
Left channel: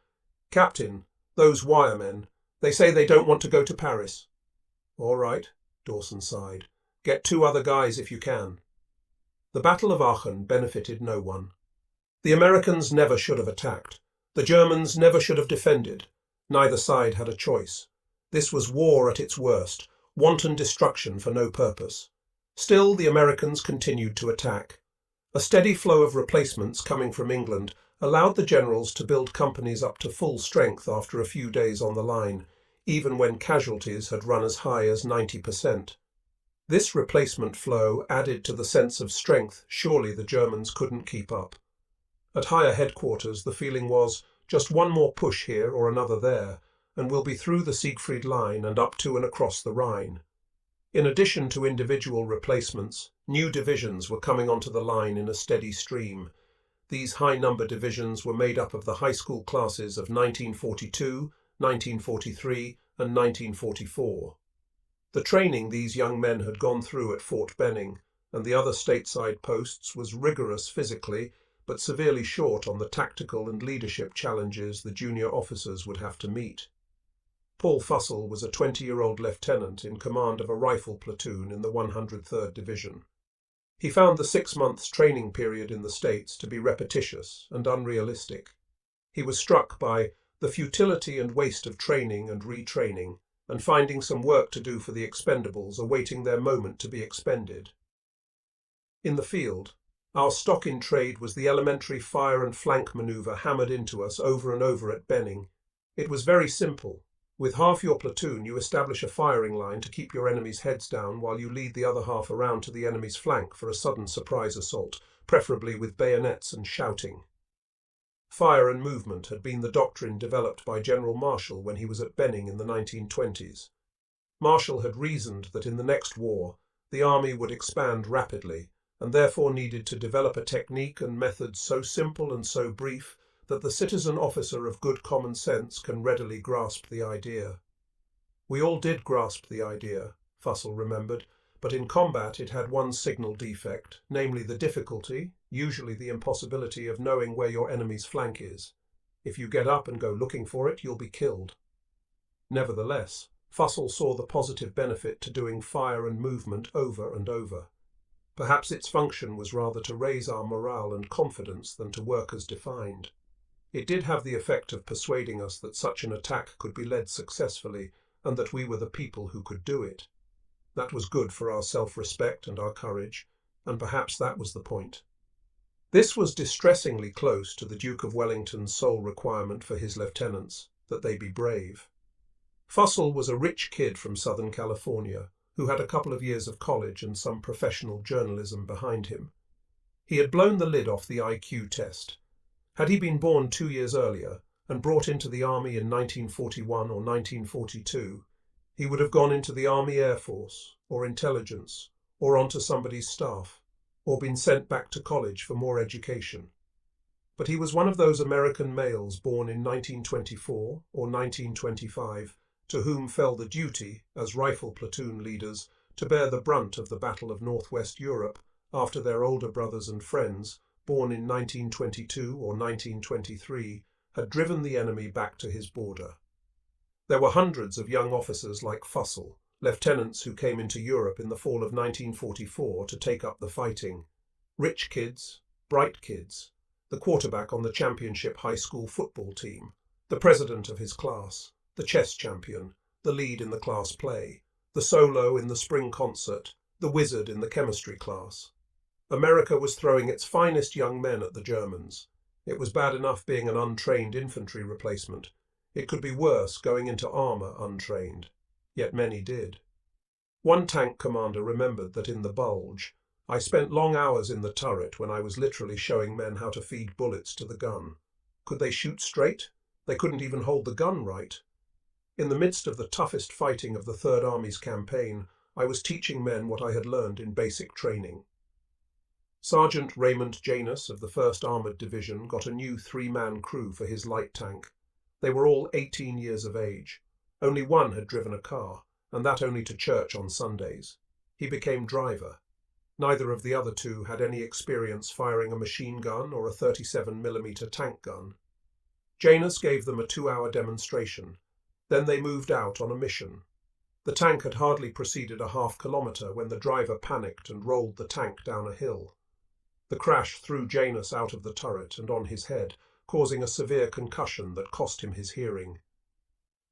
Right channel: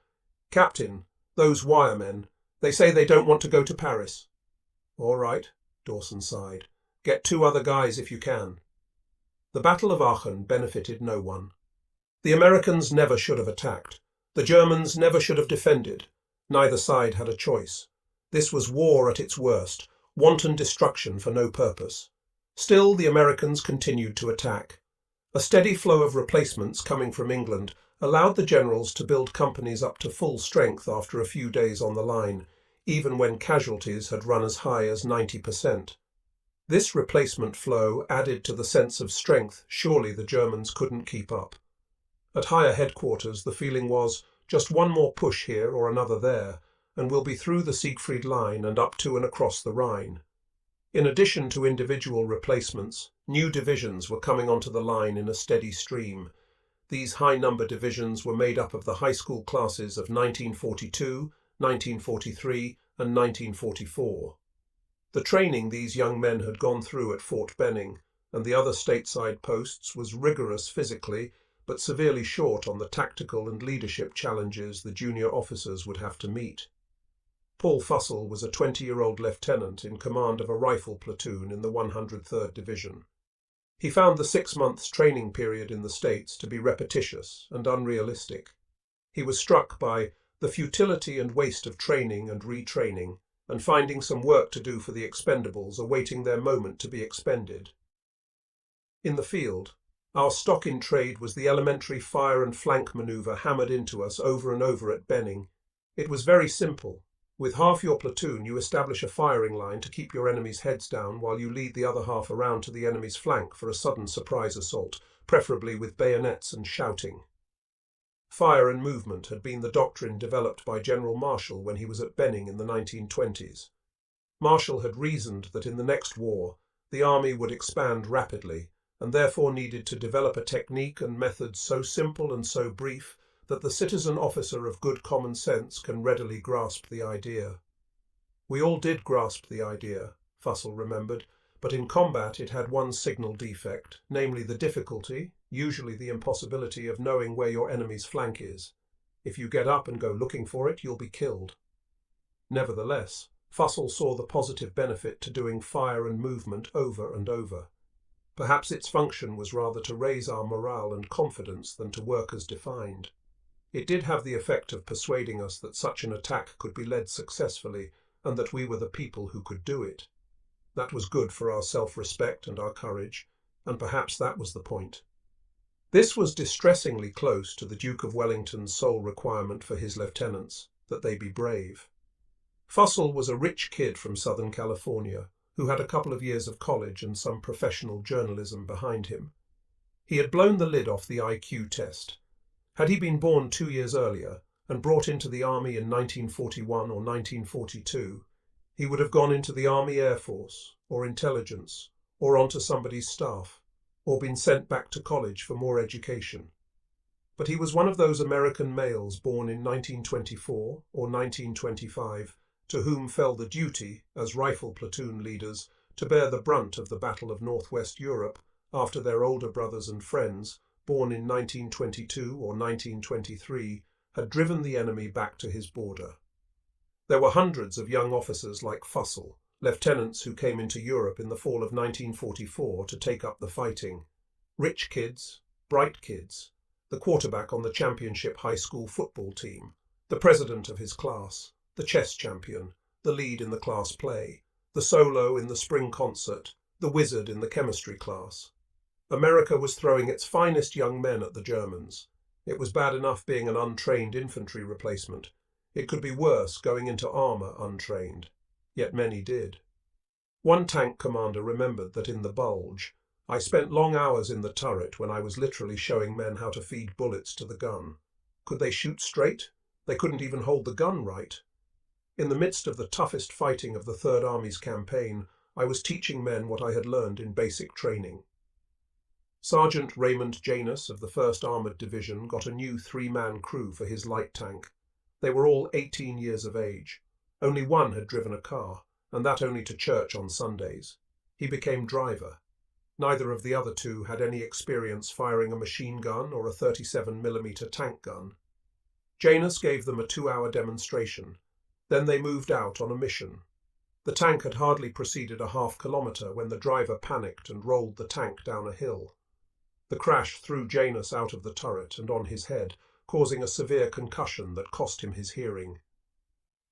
"Captain, those wiremen, they say they don't want to go to Paris." "All right," Dawson sighed. "Get 2 other guys if you can." The Battle of Aachen benefited no one. The Americans never should have attacked. The Germans never should have defended. Neither side had a choice. This was war at its worst, wanton destruction for no purpose. Still, the Americans continued to attack. A steady flow of replacements coming from England allowed the generals to build companies up to full strength after a few days on the line, even when casualties had run as high as 90%. This replacement flow added to the sense of strength surely the Germans couldn't keep up. At higher headquarters, the feeling was, just one more push here or another there, and we'll be through the Siegfried Line and up to and across the Rhine. In addition to individual replacements, new divisions were coming onto the line in a steady stream. These high-number divisions were made up of the high school classes of 1942, 1943, and 1944. The training these young men had gone through at Fort Benning and the other stateside posts was rigorous physically, but severely short on the tactical and leadership challenges the junior officers would have to meet. Paul Fussell was a 20-year-old lieutenant in command of a rifle platoon in the 103rd Division. He found the 6 months training period in the States to be repetitious and unrealistic. He was struck by the futility and waste of training and retraining, and finding some work to do for the expendables awaiting their moment to be expended. In the field, our stock in trade was the elementary fire and flank manoeuvre hammered into us over and over at Benning. It was very simple. With half your platoon, you establish a firing line to keep your enemy's heads down while you lead the other half around to the enemy's flank for a sudden surprise assault, preferably with bayonets and shouting. Fire and movement had been the doctrine developed by General Marshall when he was at Benning in the 1920s. Marshall had reasoned that in the next war, the army would expand rapidly, and therefore needed to develop a technique and method so simple and so brief that the citizen officer of good common sense can readily grasp the idea. We all did grasp the idea, Fussell remembered, but in combat it had one signal defect, namely the difficulty, usually the impossibility of knowing where your enemy's flank is. If you get up and go looking for it, you'll be killed. Nevertheless, Fussell saw the positive benefit to doing fire and movement over and over. Perhaps its function was rather to raise our morale and confidence than to work as defined. It did have the effect of persuading us that such an attack could be led successfully and that we were the people who could do it. That was good for our self-respect and our courage, and perhaps that was the point. This was distressingly close to the Duke of Wellington's sole requirement for his lieutenants, that they be brave. Fussell was a rich kid from Southern California, who had a couple of years of college and some professional journalism behind him. He had blown the lid off the IQ test. Had he been born 2 years earlier and brought into the army in 1941 or 1942, he would have gone into the Army Air Force, or intelligence, or onto somebody's staff, or been sent back to college for more education. But he was one of those American males born in 1924 or 1925, to whom fell the duty, as rifle platoon leaders, to bear the brunt of the Battle of Northwest Europe after their older brothers and friends, born in 1922 or 1923, had driven the enemy back to his border. There were hundreds of young officers like Fussell, lieutenants who came into Europe in the fall of 1944 to take up the fighting. Rich kids, bright kids, the quarterback on the championship high school football team, the president of his class, the chess champion, the lead in the class play, the solo in the spring concert, the wizard in the chemistry class. America was throwing its finest young men at the Germans. It was bad enough being an untrained infantry replacement. It could be worse going into armour untrained. Yet many did. One tank commander remembered that in the Bulge, I spent long hours in the turret when I was literally showing men how to feed bullets to the gun. Could they shoot straight? They couldn't even hold the gun right. In the midst of the toughest fighting of the Third Army's campaign, I was teaching men what I had learned in basic training. Sergeant Raymond Janus of the 1st Armoured Division got a new 3-man crew for his light tank. They were all 18 years of age. Only one had driven a car, and that only to church on Sundays. He became driver. Neither of the other two had any experience firing a machine gun or a 37mm tank gun. Janus gave them a 2-hour demonstration. Then they moved out on a mission. The tank had hardly proceeded a half-kilometre when the driver panicked and rolled the tank down a hill. The crash threw Janus out of the turret and on his head, causing a severe concussion that cost him his hearing.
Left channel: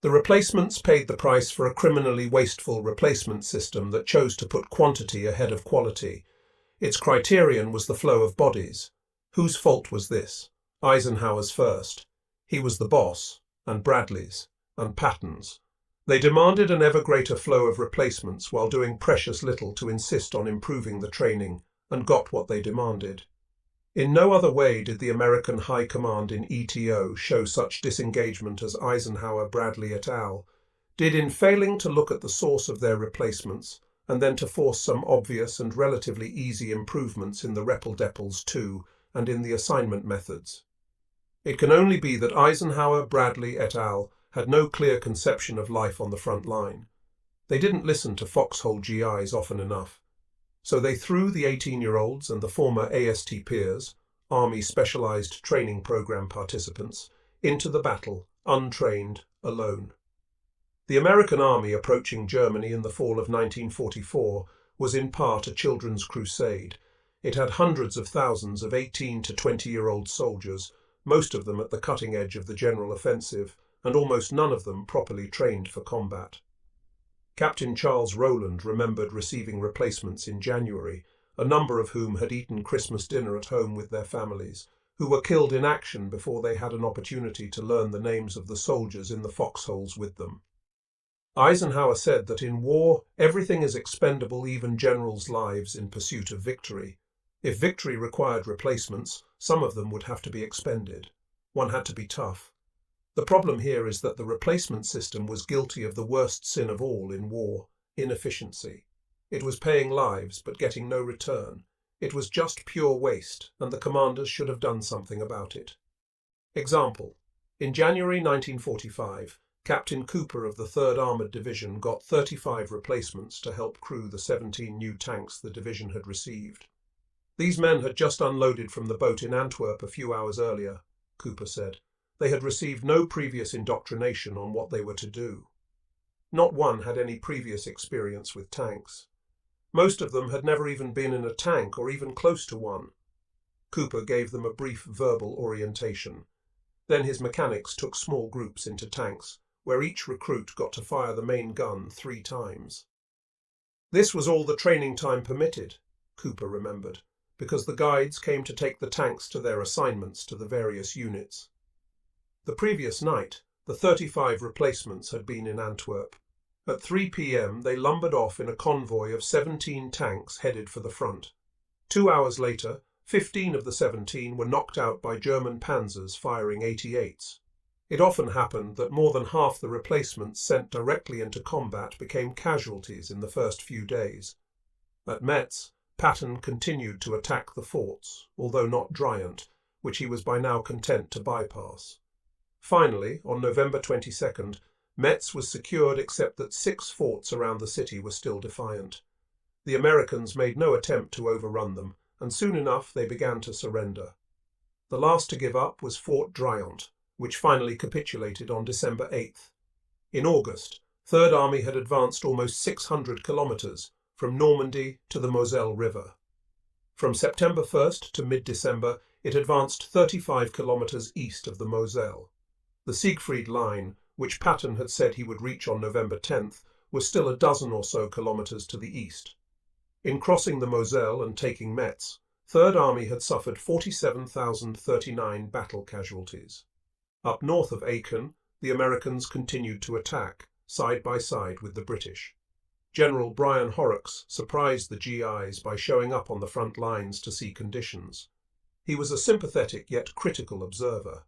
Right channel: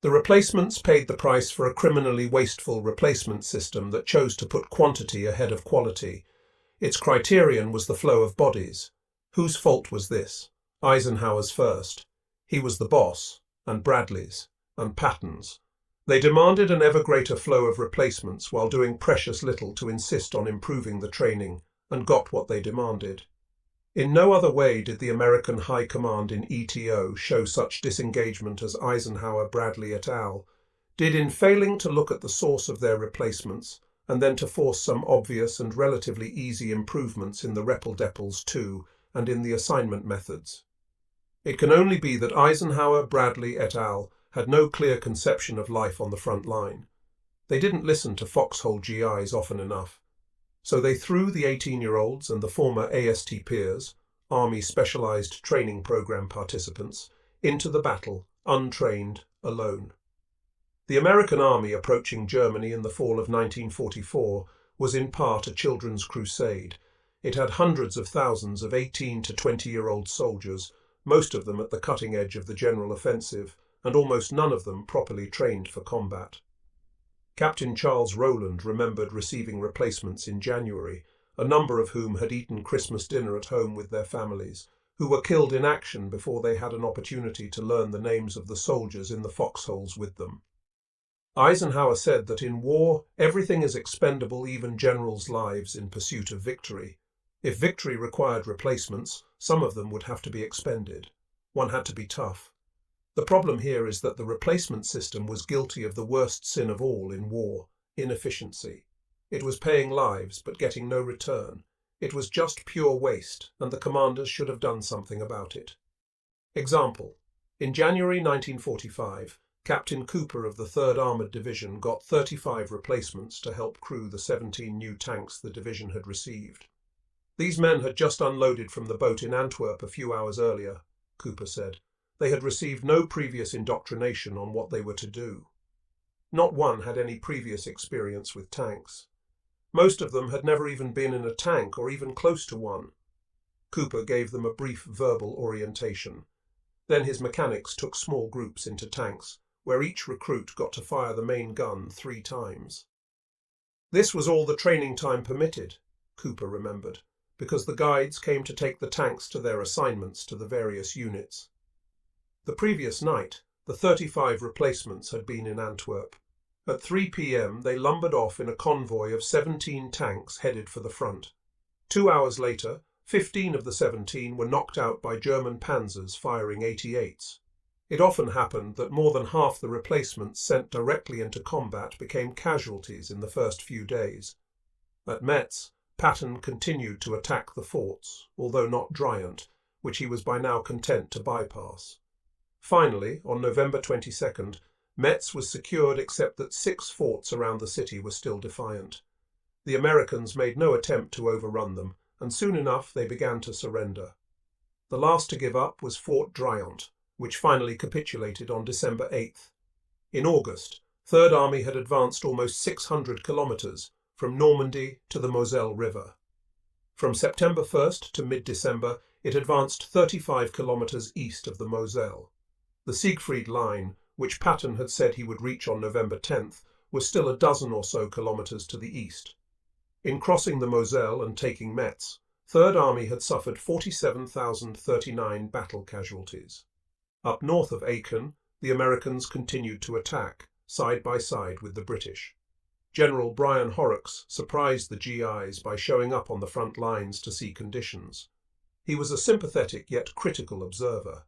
The replacements paid the price for a criminally wasteful replacement system that chose to put quantity ahead of quality. Its criterion was the flow of bodies. Whose fault was this? Eisenhower's first. He was the boss, and Bradley's, and Patton's. They demanded an ever greater flow of replacements while doing precious little to insist on improving the training, and got what they demanded. In no other way did the American High Command in ETO show such disengagement as Eisenhower, Bradley et al. Did in failing to look at the source of their replacements and then to force some obvious and relatively easy improvements in the REPL-DEPLs too and in the assignment methods. It can only be that Eisenhower, Bradley et al. Had no clear conception of life on the front line. They didn't listen to foxhole GIs often enough. So they threw the 18-year-olds and the former AST peers, Army Specialized Training Program participants, into the battle, untrained, alone. The American Army approaching Germany in the fall of 1944 was in part a children's crusade. It had hundreds of thousands of 18 to 20-year-old soldiers, most of them at the cutting edge of the general offensive, and almost none of them properly trained for combat. Captain Charles Rowland remembered receiving replacements in January, a number of whom had eaten Christmas dinner at home with their families, who were killed in action before they had an opportunity to learn the names of the soldiers in the foxholes with them. Eisenhower said that in war, everything is expendable, even generals' lives, in pursuit of victory. If victory required replacements, some of them would have to be expended. One had to be tough. The problem here is that the replacement system was guilty of the worst sin of all in war, inefficiency. It was paying lives but getting no return. It was just pure waste, and the commanders should have done something about it. Example. In January 1945, Captain Cooper of the 3rd Armoured Division got 35 replacements to help crew the 17 new tanks the division had received. These men had just unloaded from the boat in Antwerp a few hours earlier, Cooper said. They had received no previous indoctrination on what they were to do. Not one had any previous experience with tanks. Most of them had never even been in a tank or even close to one. Cooper gave them a brief verbal orientation. Then his mechanics took small groups into tanks, where each recruit got to fire the main gun 3 times. This was all the training time permitted, Cooper remembered, because the guides came to take the tanks to their assignments to the various units. The previous night, the 35 replacements had been in Antwerp. At 3 p.m. they lumbered off in a convoy of 17 tanks headed for the front. 2 hours later, 15 of the 17 were knocked out by German panzers firing 88s. It often happened that more than half the replacements sent directly into combat became casualties in the first few days. At Metz, Patton continued to attack the forts, although not Driant, which he was by now content to bypass. Finally, on November 22nd, Metz was secured except that 6 forts around the city were still defiant. The Americans made no attempt to overrun them, and soon enough they began to surrender. The last to give up was Fort Driant, which finally capitulated on December 8th. In August, Third Army had advanced almost 600 kilometres from Normandy to the Moselle River. From September 1st to mid-December, it advanced 35 kilometres east of the Moselle. The Siegfried Line, which Patton had said he would reach on November 10th, was still a dozen or so kilometres to the east. In crossing the Moselle and taking Metz, Third Army had suffered 47,039 battle casualties. Up north of Aachen, the Americans continued to attack, side by side with the British. General Brian Horrocks surprised the GIs by showing up on the front lines to see conditions. He was a sympathetic yet critical observer.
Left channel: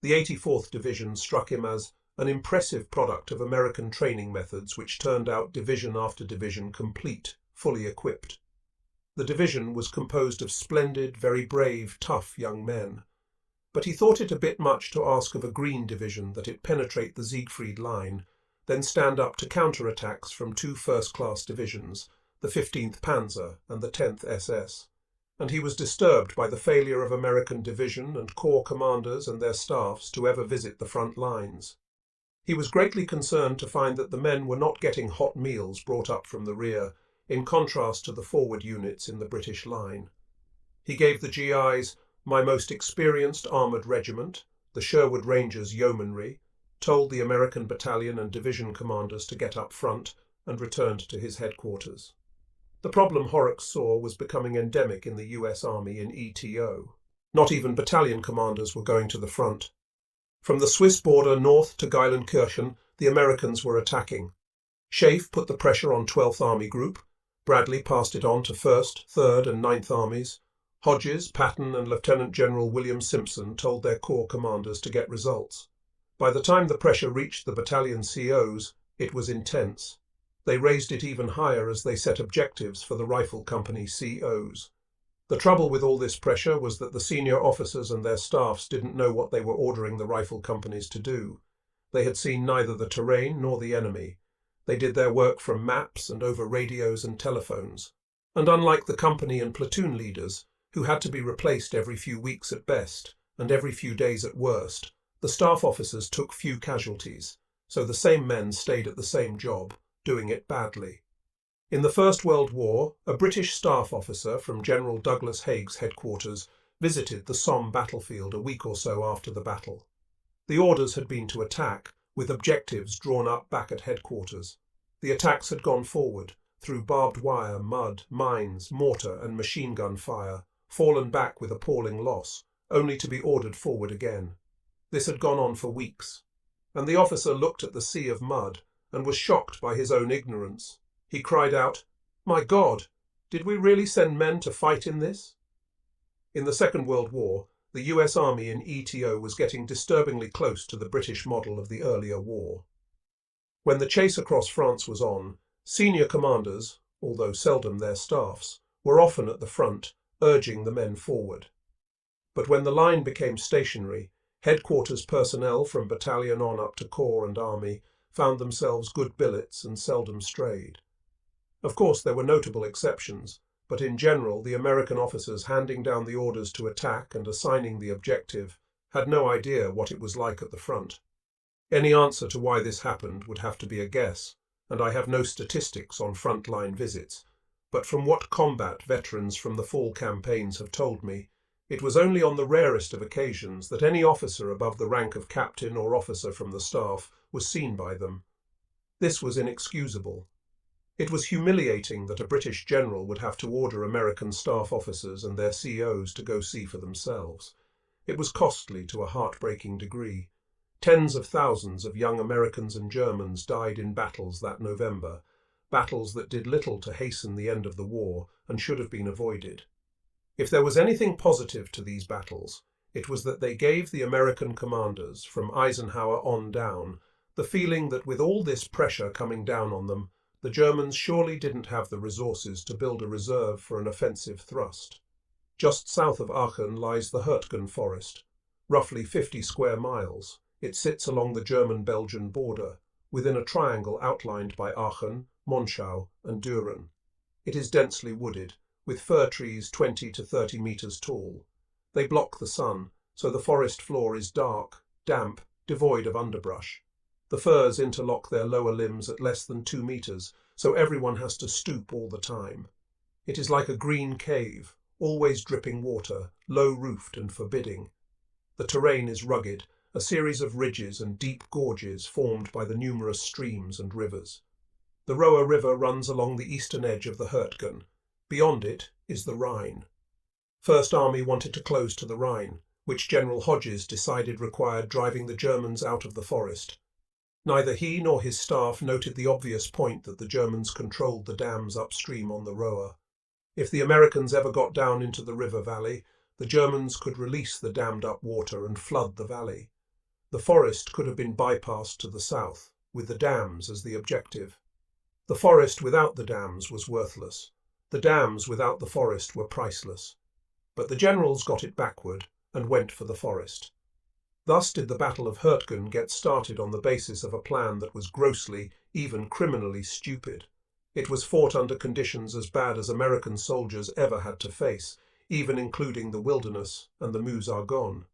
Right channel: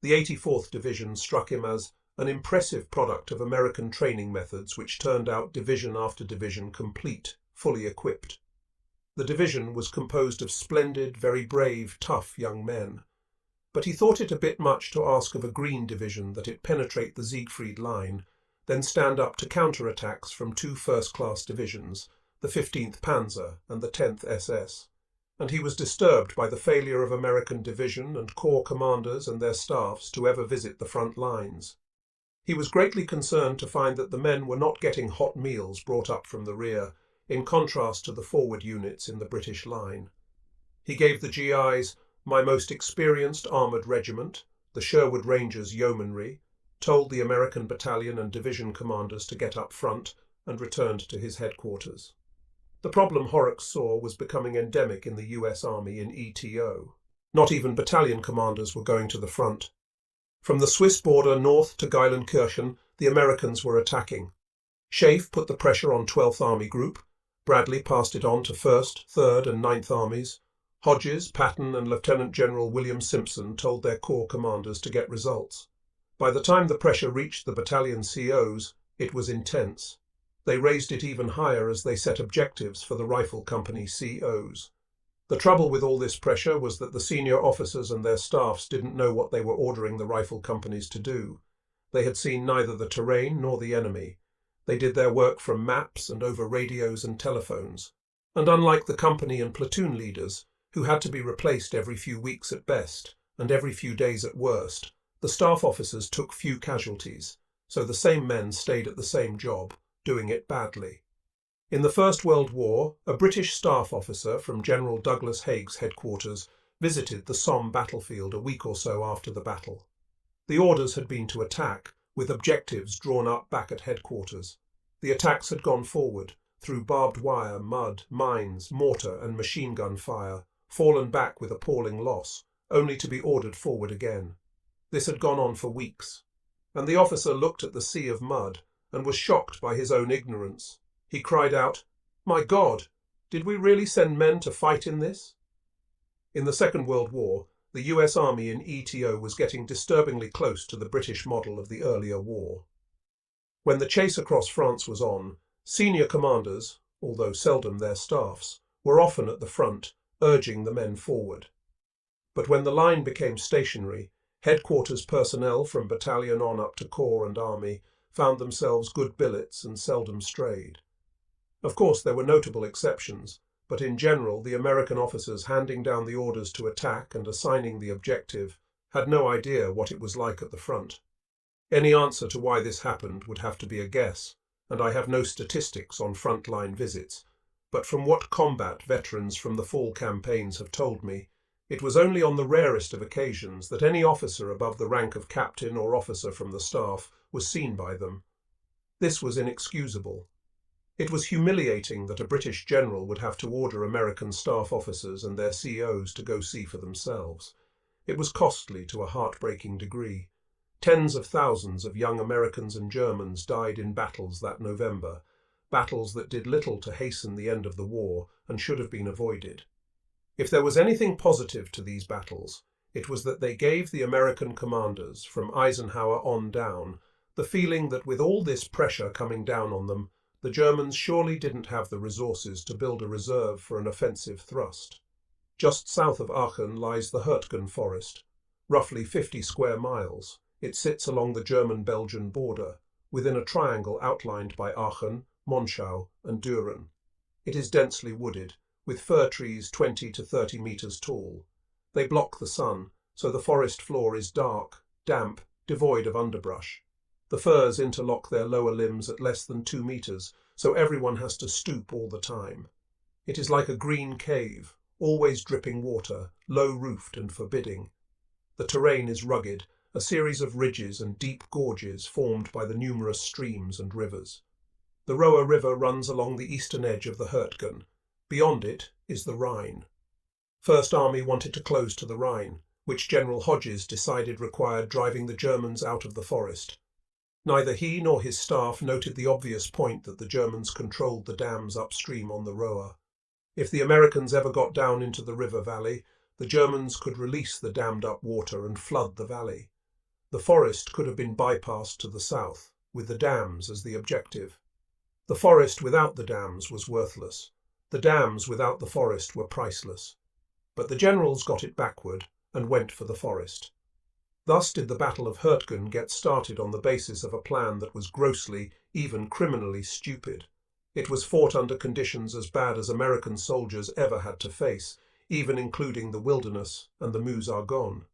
The 84th Division struck him as an impressive product of American training methods which turned out division after division complete, fully equipped. The division was composed of splendid, very brave, tough young men. But he thought it a bit much to ask of a Green Division that it penetrate the Siegfried Line, then stand up to counter-attacks from two first-class divisions, the 15th Panzer and the 10th SS, and he was disturbed by the failure of American division and corps commanders and their staffs to ever visit the front lines. He was greatly concerned to find that the men were not getting hot meals brought up from the rear, in contrast to the forward units in the British line. He gave the GIs "my most experienced armoured regiment," the Sherwood Rangers Yeomanry, told the American battalion and division commanders to get up front, and returned to his headquarters. The problem Horrocks saw was becoming endemic in the US Army in ETO. Not even battalion commanders were going to the front. From the Swiss border north to Geilenkirchen, the Americans were attacking. Schaeff put the pressure on 12th Army Group. Bradley passed it on to 1st, 3rd and 9th Armies. Hodges, Patton and Lieutenant General William Simpson told their corps commanders to get results. By the time the pressure reached the battalion COs, it was intense. They raised it even higher as they set objectives for the rifle company COs. The trouble with all this pressure was that the senior officers and their staffs didn't know what they were ordering the rifle companies to do. They had seen neither the terrain nor the enemy. They did their work from maps and over radios and telephones. And unlike the company and platoon leaders, who had to be replaced every few weeks at best and every few days at worst, the staff officers took few casualties, so the same men stayed at the same job, doing it badly. In the First World War, a British staff officer from General Douglas Haig's headquarters visited the Somme battlefield a week or so after the battle. The orders had been to attack, with objectives drawn up back at headquarters. The attacks had gone forward, through barbed wire, mud, mines, mortar and machine gun fire, fallen back with appalling loss, only to be ordered forward again. This had gone on for weeks, and the officer looked at the sea of mud and was shocked by his own ignorance. He cried out, "My God, did we really send men to fight in this?" In the Second World War, the US Army in ETO was getting disturbingly close to the British model of the earlier war. When the chase across France was on, senior commanders, although seldom their staffs, were often at the front, urging the men forward. But when the line became stationary, headquarters personnel from battalion on up to corps and army found themselves good billets and seldom strayed. Of course, there were notable exceptions, but in general the American officers handing down the orders to attack and assigning the objective had no idea what it was like at the front. Any answer to why this happened would have to be a guess, and I have no statistics on front-line visits, but from what combat veterans from the fall campaigns have told me, it was only on the rarest of occasions that any officer above the rank of captain or officer from the staff was seen by them. This was inexcusable. It was humiliating that a British general would have to order American staff officers and their COs to go see for themselves. It was costly to a heartbreaking degree. Tens of thousands of young Americans and Germans died in battles that November, battles that did little to hasten the end of the war and should have been avoided. If there was anything positive to these battles, it was that they gave the American commanders, from Eisenhower on down, the feeling that with all this pressure coming down on them, the Germans surely didn't have the resources to build a reserve for an offensive thrust. Just south of Aachen lies the Hurtgen forest, roughly 50 square miles. It sits along the German-Belgian border, within a triangle outlined by Aachen, Monschau and Düren. It is densely wooded, with fir trees 20 to 30 meters tall. They block the sun, so the forest floor is dark, damp, devoid of underbrush. The firs interlock their lower limbs at less than 2 meters, so everyone has to stoop all the time. It is like a green cave, always dripping water, low-roofed and forbidding. The terrain is rugged, a series of ridges and deep gorges formed by the numerous streams and rivers. The Roer River runs along the eastern edge of the Hurtgen. Beyond it is the Rhine. First Army wanted to close to the Rhine, which General Hodges decided required driving the Germans out of the forest. Neither he nor his staff noted the obvious point that the Germans controlled the dams upstream on the Roer. If the Americans ever got down into the river valley, the Germans could release the dammed-up water and flood the valley. The forest could have been bypassed to the south, with the dams as the objective. The forest without the dams was worthless. The dams without the forest were priceless. But the generals got it backward and went for the forest. Thus did the Battle of Hurtgen get started on the basis of a plan that was grossly, even criminally stupid. It was fought under conditions as bad as American soldiers ever had to face, even including the wilderness and the Meuse-Argonne.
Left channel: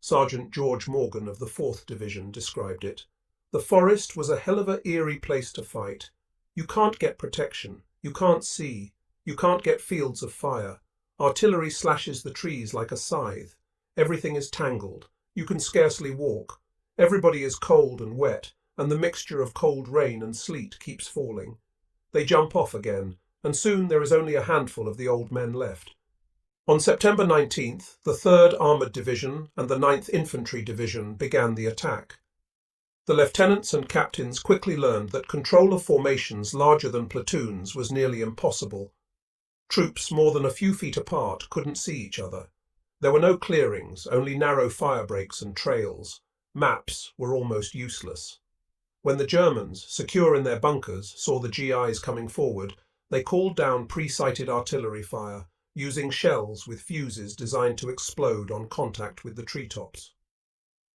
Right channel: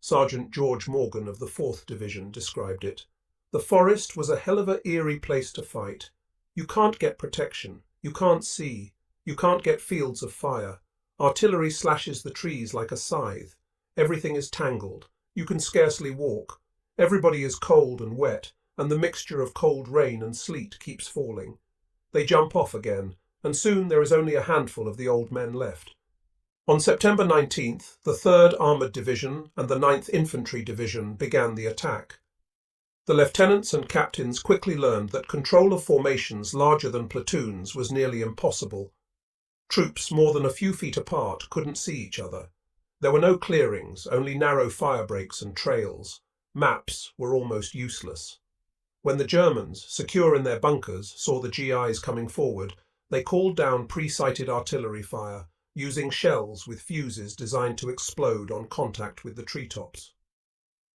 Sergeant George Morgan of the 4th Division described it. The forest was a hell of a eerie place to fight. You can't get protection, you can't see, you can't get fields of fire. Artillery slashes the trees like a scythe. Everything is tangled. You can scarcely walk. Everybody is cold and wet, and the mixture of cold rain and sleet keeps falling. They jump off again, and soon there is only a handful of the old men left. On September 19th, the 3rd Armoured Division and the 9th Infantry Division began the attack. The lieutenants and captains quickly learned that control of formations larger than platoons was nearly impossible. Troops more than a few feet apart couldn't see each other. There were no clearings, only narrow fire breaks and trails. Maps were almost useless. When the Germans, secure in their bunkers, saw the GIs coming forward, they called down pre-sighted artillery fire, using shells with fuses designed to explode on contact with the treetops.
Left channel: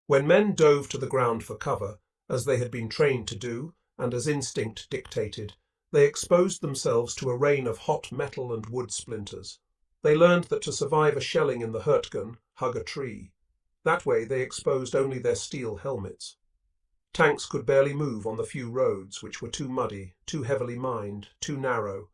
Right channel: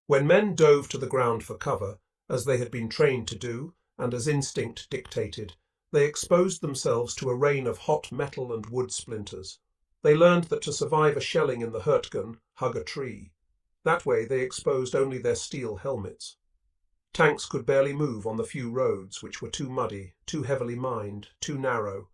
When men dove to the ground for cover, as they had been trained to do, and as instinct dictated, they exposed themselves to a rain of hot metal and wood splinters. They learned that to survive a shelling in the Hurtgen, hug a tree. That way they exposed only their steel helmets. Tanks could barely move on the few roads which were too muddy, too heavily mined, too narrow.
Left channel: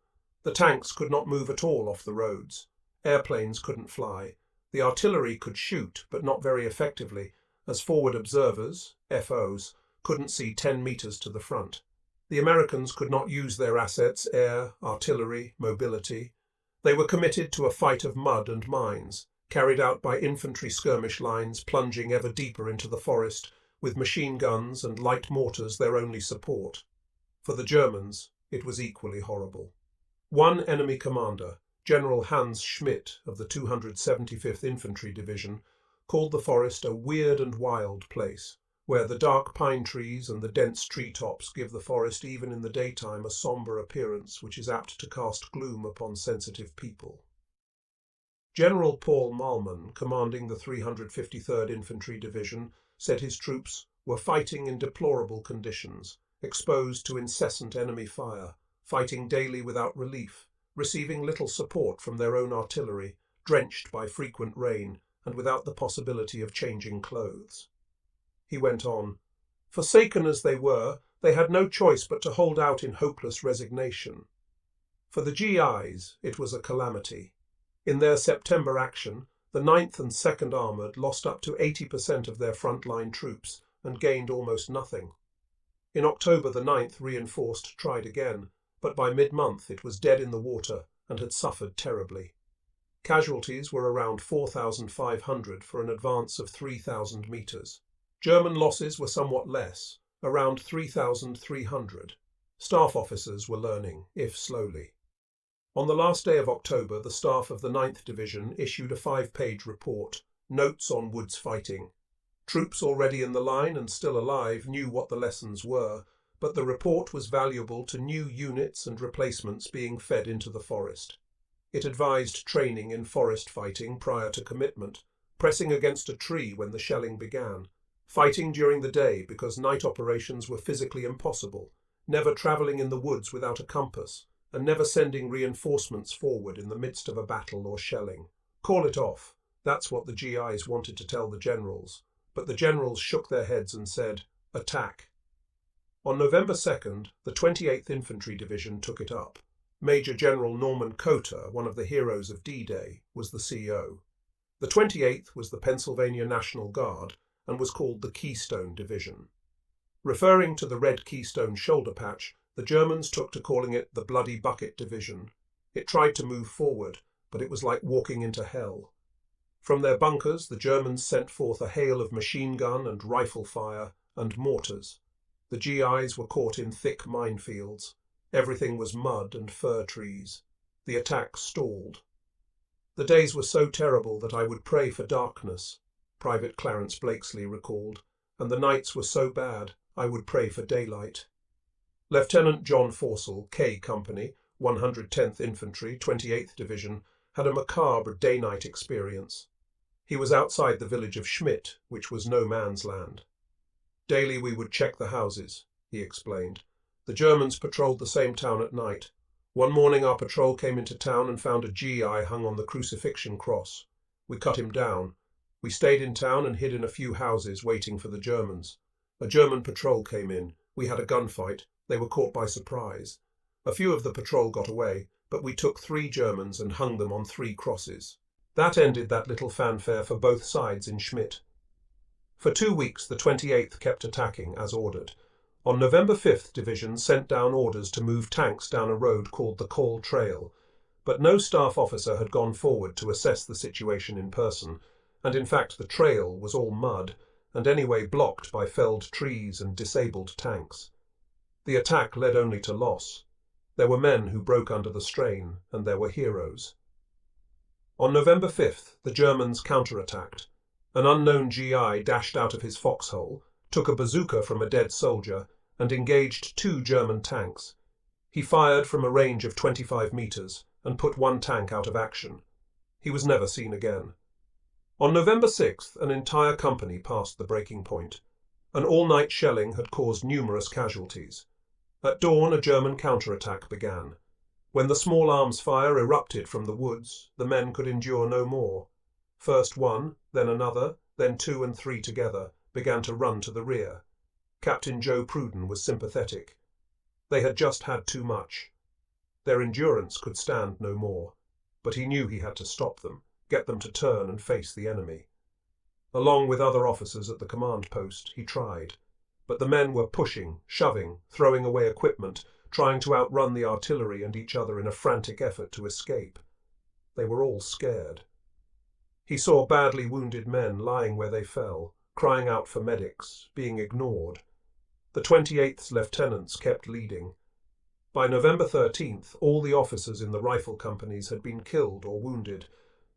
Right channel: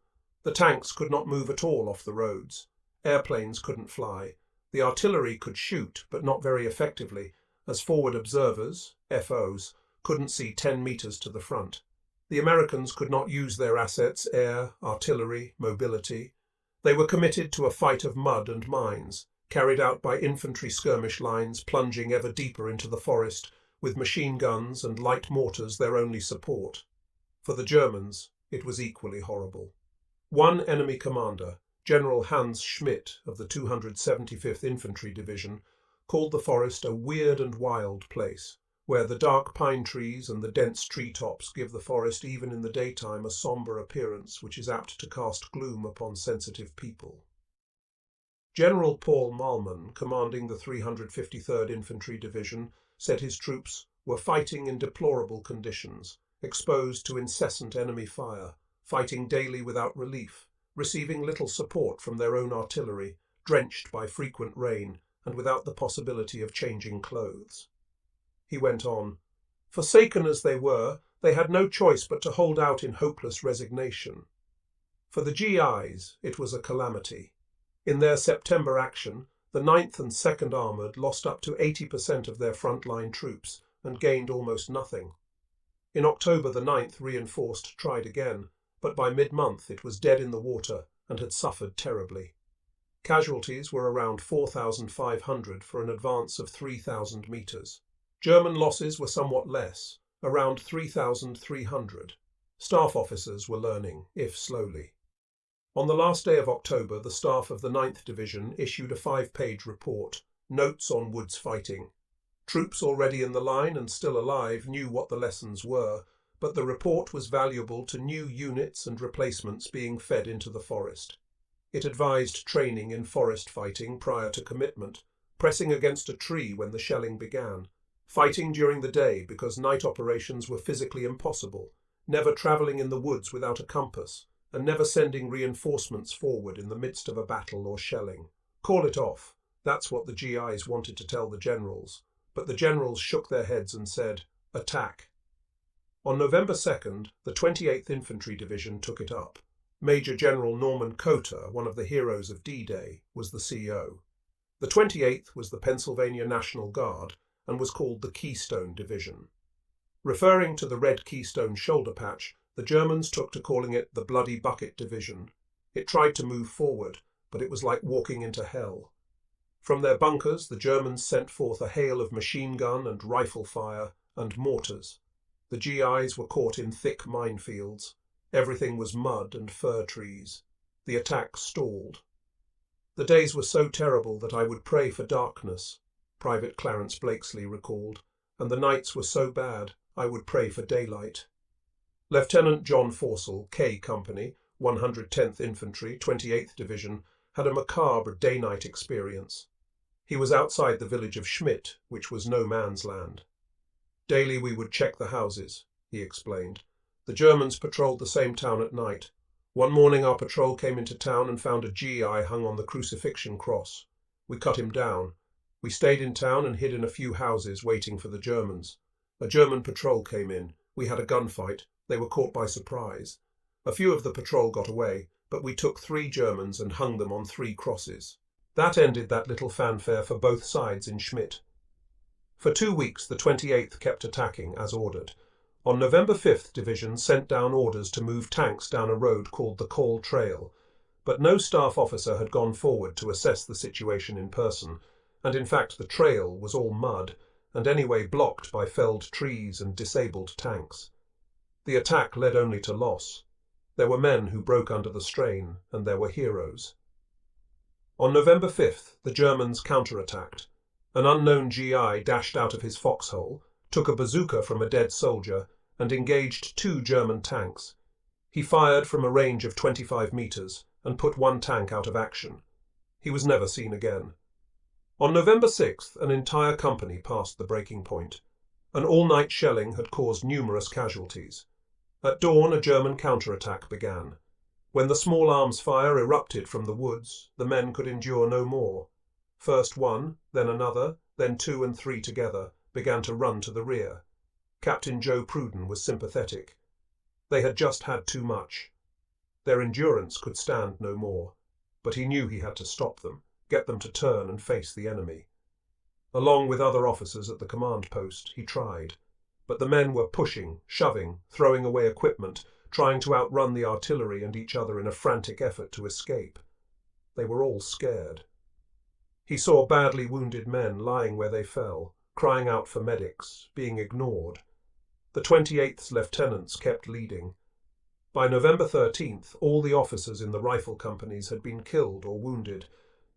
The tanks could not move at all off the roads. Airplanes couldn't fly. The artillery could shoot, but not very effectively, as forward observers, FOs, couldn't see 10 meters to the front. The Americans could not use their assets, air, artillery, mobility. They were committed to a fight of mud and mines, carried out by infantry skirmish lines plunging ever deeper into the forest, with machine guns and light mortars their only support. For the Germans, it was equally horrible. One enemy commander, General Hans Schmidt of the 275th Infantry Division, called the forest a weird and wild place, where the dark pine trees and the dense treetops give the forest even in the daytime a sombre appearance which is apt to cast gloom upon sensitive people. General Paul Malman, commanding the 353rd Infantry Division, said his troops were fighting in deplorable conditions, exposed to incessant enemy fire, fighting daily without relief, receiving little support from their own artillery, drenched by frequent rain, and without the possibility of changing clothes. He went on, "Forsaken as they were, they had no choice but to hold out in hopeless resignation. For the GIs, it was a calamity. In their September action, the 9th and 2nd Armoured lost up to 80% of their front-line troops and gained almost nothing. In October, the 9th reinforced tried again, but by mid-month it was dead in the water and had suffered terribly. Casualties were around 4,500 for an advance of 3,000 meters. German losses were somewhat less, around 3,300. Staff officers were learning, if slowly. On the last day of October, the staff of the 9th Division issued a 5-page report, Notes on Woods Fighting. Troops already in the line and still alive knew what the lessons were, but the report was valuable to new units and replacements being fed into the forest. It advised training in forest fighting prior to commitment, pressing against a tree when the shelling began, fighting during the day because night operations were physically impossible, never travelling in the woods without a compass, and never sending reinforcements forward in the midst of a battle or shelling. Call it off. That's what the GIs wanted to tell the generals, but the generals shook their heads and said, "Attack." On November 2nd, the 28th Infantry Division took it up. Major General Norman Coter, one of the heroes of D-Day, was the CO. The 28th was the Pennsylvania National Guard and was called the Keystone Division. Referring to the red Keystone shoulder patch, the Germans took to calling it the Bloody Bucket Division. It tried to move forward, but it was like walking into hell. From their bunkers, the Germans sent forth a hail of machine gun and rifle fire and mortars. The GIs were caught in thick minefields. Everything was mud and fir trees. The attack stalled. The days were so terrible that I would pray for darkness, Private Clarence Blakesley recalled, and the nights were so bad I would pray for daylight. Lieutenant John Forsell, K Company, 110th Infantry, 28th Division, had a macabre day-night experience. He was outside the village of Schmidt, which was no man's land. Daily we would check the houses, he explained. The Germans patrolled the same town at night. One morning our patrol came into town and found a GI hung on the crucifixion cross. We cut him down. We stayed in town and hid in a few houses waiting for the Germans. A German patrol came in. We had a gunfight. They were caught by surprise. A few of the patrol got away, but we took 3 Germans and hung them on 3 crosses. That ended that little fanfare for both sides in Schmidt. For 2 weeks the 28th kept attacking as ordered. On November 5th Division sent down orders to move tanks down a road called the Call Trail, but no staff officer had gone forward to assess the situation in person, and in fact the trail was all mud, and anyway blocked by felled trees and disabled tanks. The attack led only to loss. There were men who broke under the strain, and there were heroes. On November 5th the Germans counterattacked. An unknown GI dashed out of his foxhole, took a bazooka from a dead soldier, and engaged 2 German tanks. He fired from a range of 25 meters and put 1 tank out of action. He was never seen again. On November 6th, an entire company passed the breaking point. An all-night shelling had caused numerous casualties. At dawn, a German counterattack began. When the small arms fire erupted from the woods, the men could endure no more. First one, then another, then 2 and 3 together, began to run to the rear. Captain Joe Pruden was sympathetic. They had just had too much. Their endurance could stand no more, but he knew he had to stop them, get them to turn and face the enemy. Along with other officers at the command post, he tried, but the men were pushing, shoving, throwing away equipment, trying to outrun the artillery and each other in a frantic effort to escape. They were all scared. He saw badly wounded men lying where they fell, crying out for medics, being ignored. The 28th's lieutenants kept leading. By November 13th, all the officers in the rifle companies had been killed or wounded.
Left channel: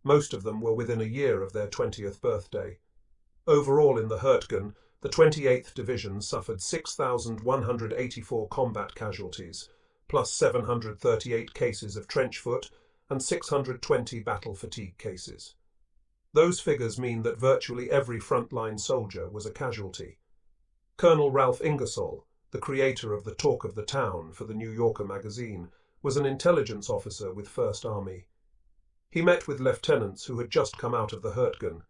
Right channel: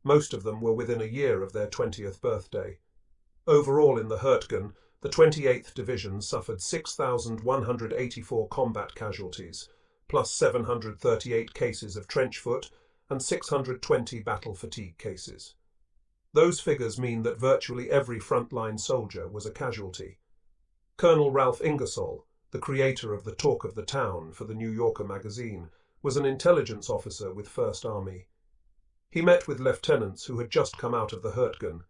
Most of them were within a year of their 20th birthday. Overall in the Hurtgen, the 28th Division suffered 6,184 combat casualties, plus 738 cases of trench foot and 620 battle fatigue cases. Those figures mean that virtually every frontline soldier was a casualty. Colonel Ralph Ingersoll, the creator of the Talk of the Town for the New Yorker magazine, was an intelligence officer with First Army. He met with lieutenants who had just come out of the Hurtgen.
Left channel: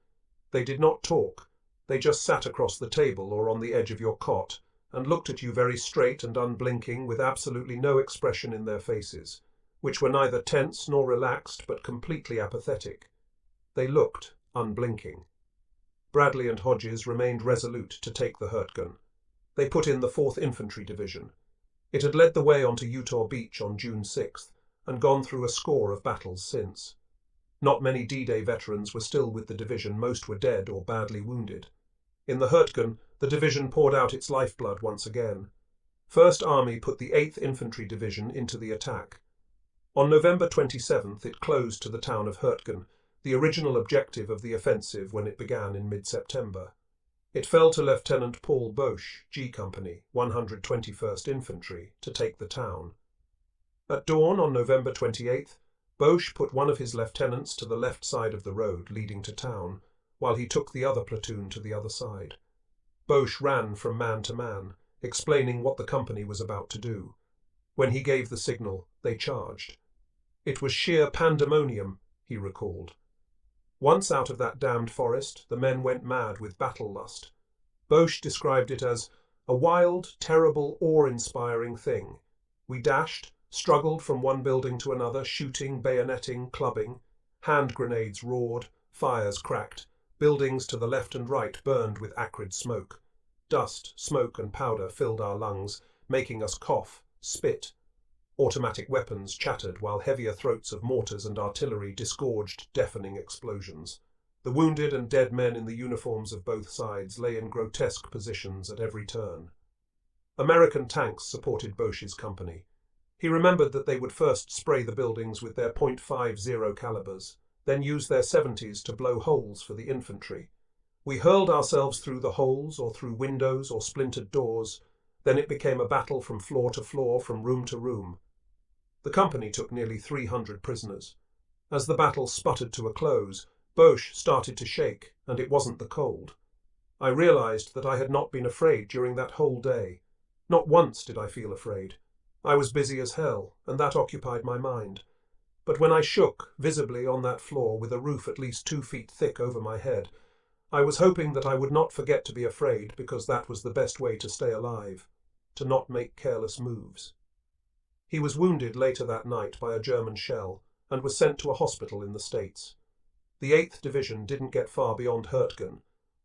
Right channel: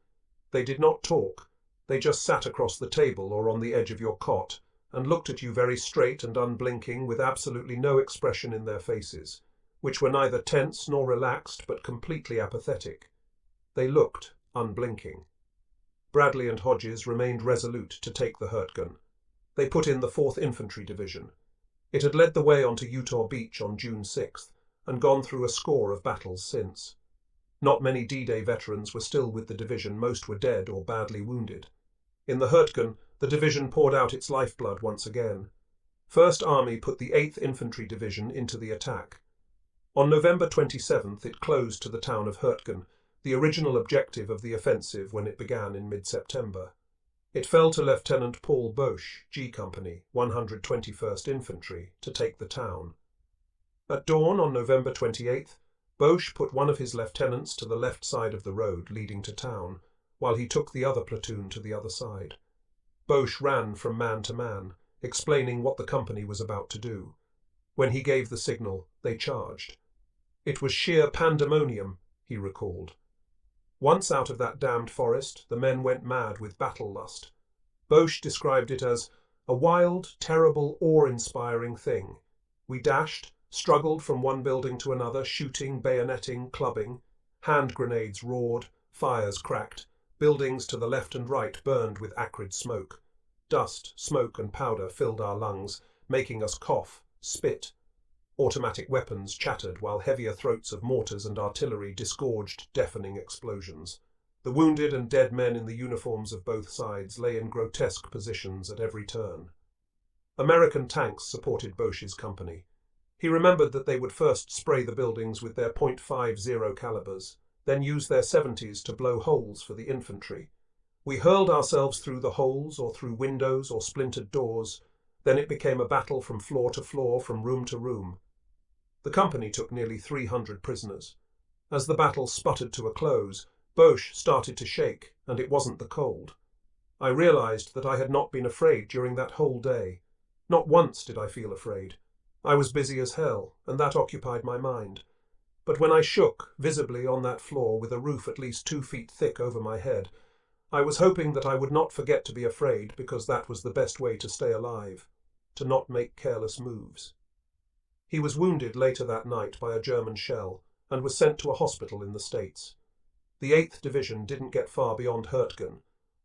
They did not talk. They just sat across the table or on the edge of your cot and looked at you very straight and unblinking with absolutely no expression in their faces, which were neither tense nor relaxed but completely apathetic. They looked, unblinking. Bradley and Hodges remained resolute to take the Hurtgen. They put in the 4th Infantry Division. It had led the way onto Utah Beach on June 6th and gone through a score of battles since. Not many D-Day veterans were still with the division, most were dead or badly wounded. In the Hurtgen, the division poured out its lifeblood once again. First Army put the 8th Infantry Division into the attack. On November 27th it closed to the town of Hurtgen, the original objective of the offensive when it began in mid-September. It fell to Lieutenant Paul Boche, G Company, 121st Infantry, to take the town. At dawn on November 28th, Boche put one of his lieutenants to the left side of the road leading to town, while he took the other platoon to the other side. Boche ran from man to man, explaining what the company was about to do. When he gave the signal, they charged. It was sheer pandemonium, he recalled. Once out of that damned forest, the men went mad with battle lust. Boche described it as a wild, terrible, awe-inspiring thing. We dashed, struggled from one building to another, shooting, bayoneting, clubbing. Hand grenades roared, fires cracked. Buildings to the left and right burned with acrid smoke. Dust, smoke and powder filled our lungs, making us cough, spit. Automatic weapons chattered while heavier throats of mortars and artillery disgorged deafening explosions. The wounded and dead men in the uniforms of both sides lay in grotesque positions at every turn. American tanks supported Bosch's company. He remembered that they would first spray the buildings with their .50 calibers, then use their 70s to blow holes for the infantry. We hurled ourselves through the holes or through windows or splintered doors. Then it became a battle from floor to floor, from room to room. The company took nearly 300 prisoners. As the battle sputtered to a close, Bosch started to shake, and it wasn't the cold. I realized that I had not been afraid during that whole day. Not once did I feel afraid. I was busy as hell, and that occupied my mind. But when I shook, visibly on that floor with a roof at least 2 feet thick over my head, I was hoping that I would not forget to be afraid, because that was the best way to stay alive, to not make careless moves. He was wounded later that night by a German shell and was sent to a hospital in the States. The 8th Division didn't get far beyond Hurtgen.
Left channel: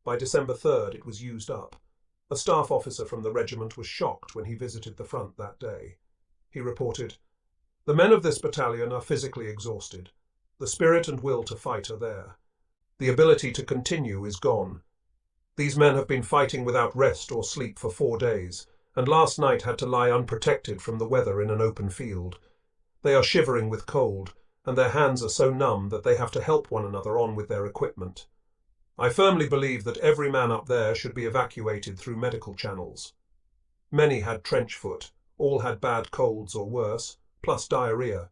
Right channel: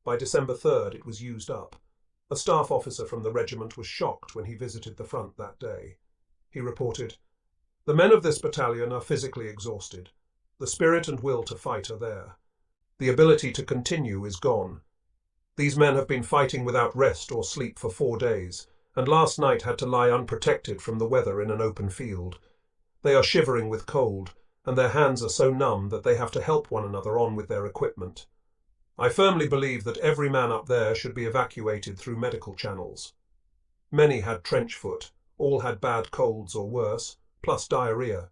By December 3rd it was used up. A staff officer from the regiment was shocked when he visited the front that day. He reported, "The men of this battalion are physically exhausted. The spirit and will to fight are there. The ability to continue is gone. These men have been fighting without rest or sleep for 4 days, and last night had to lie unprotected from the weather in an open field. They are shivering with cold, and their hands are so numb that they have to help one another on with their equipment. I firmly believe that every man up there should be evacuated through medical channels." Many had trench foot, all had bad colds or worse, plus diarrhea.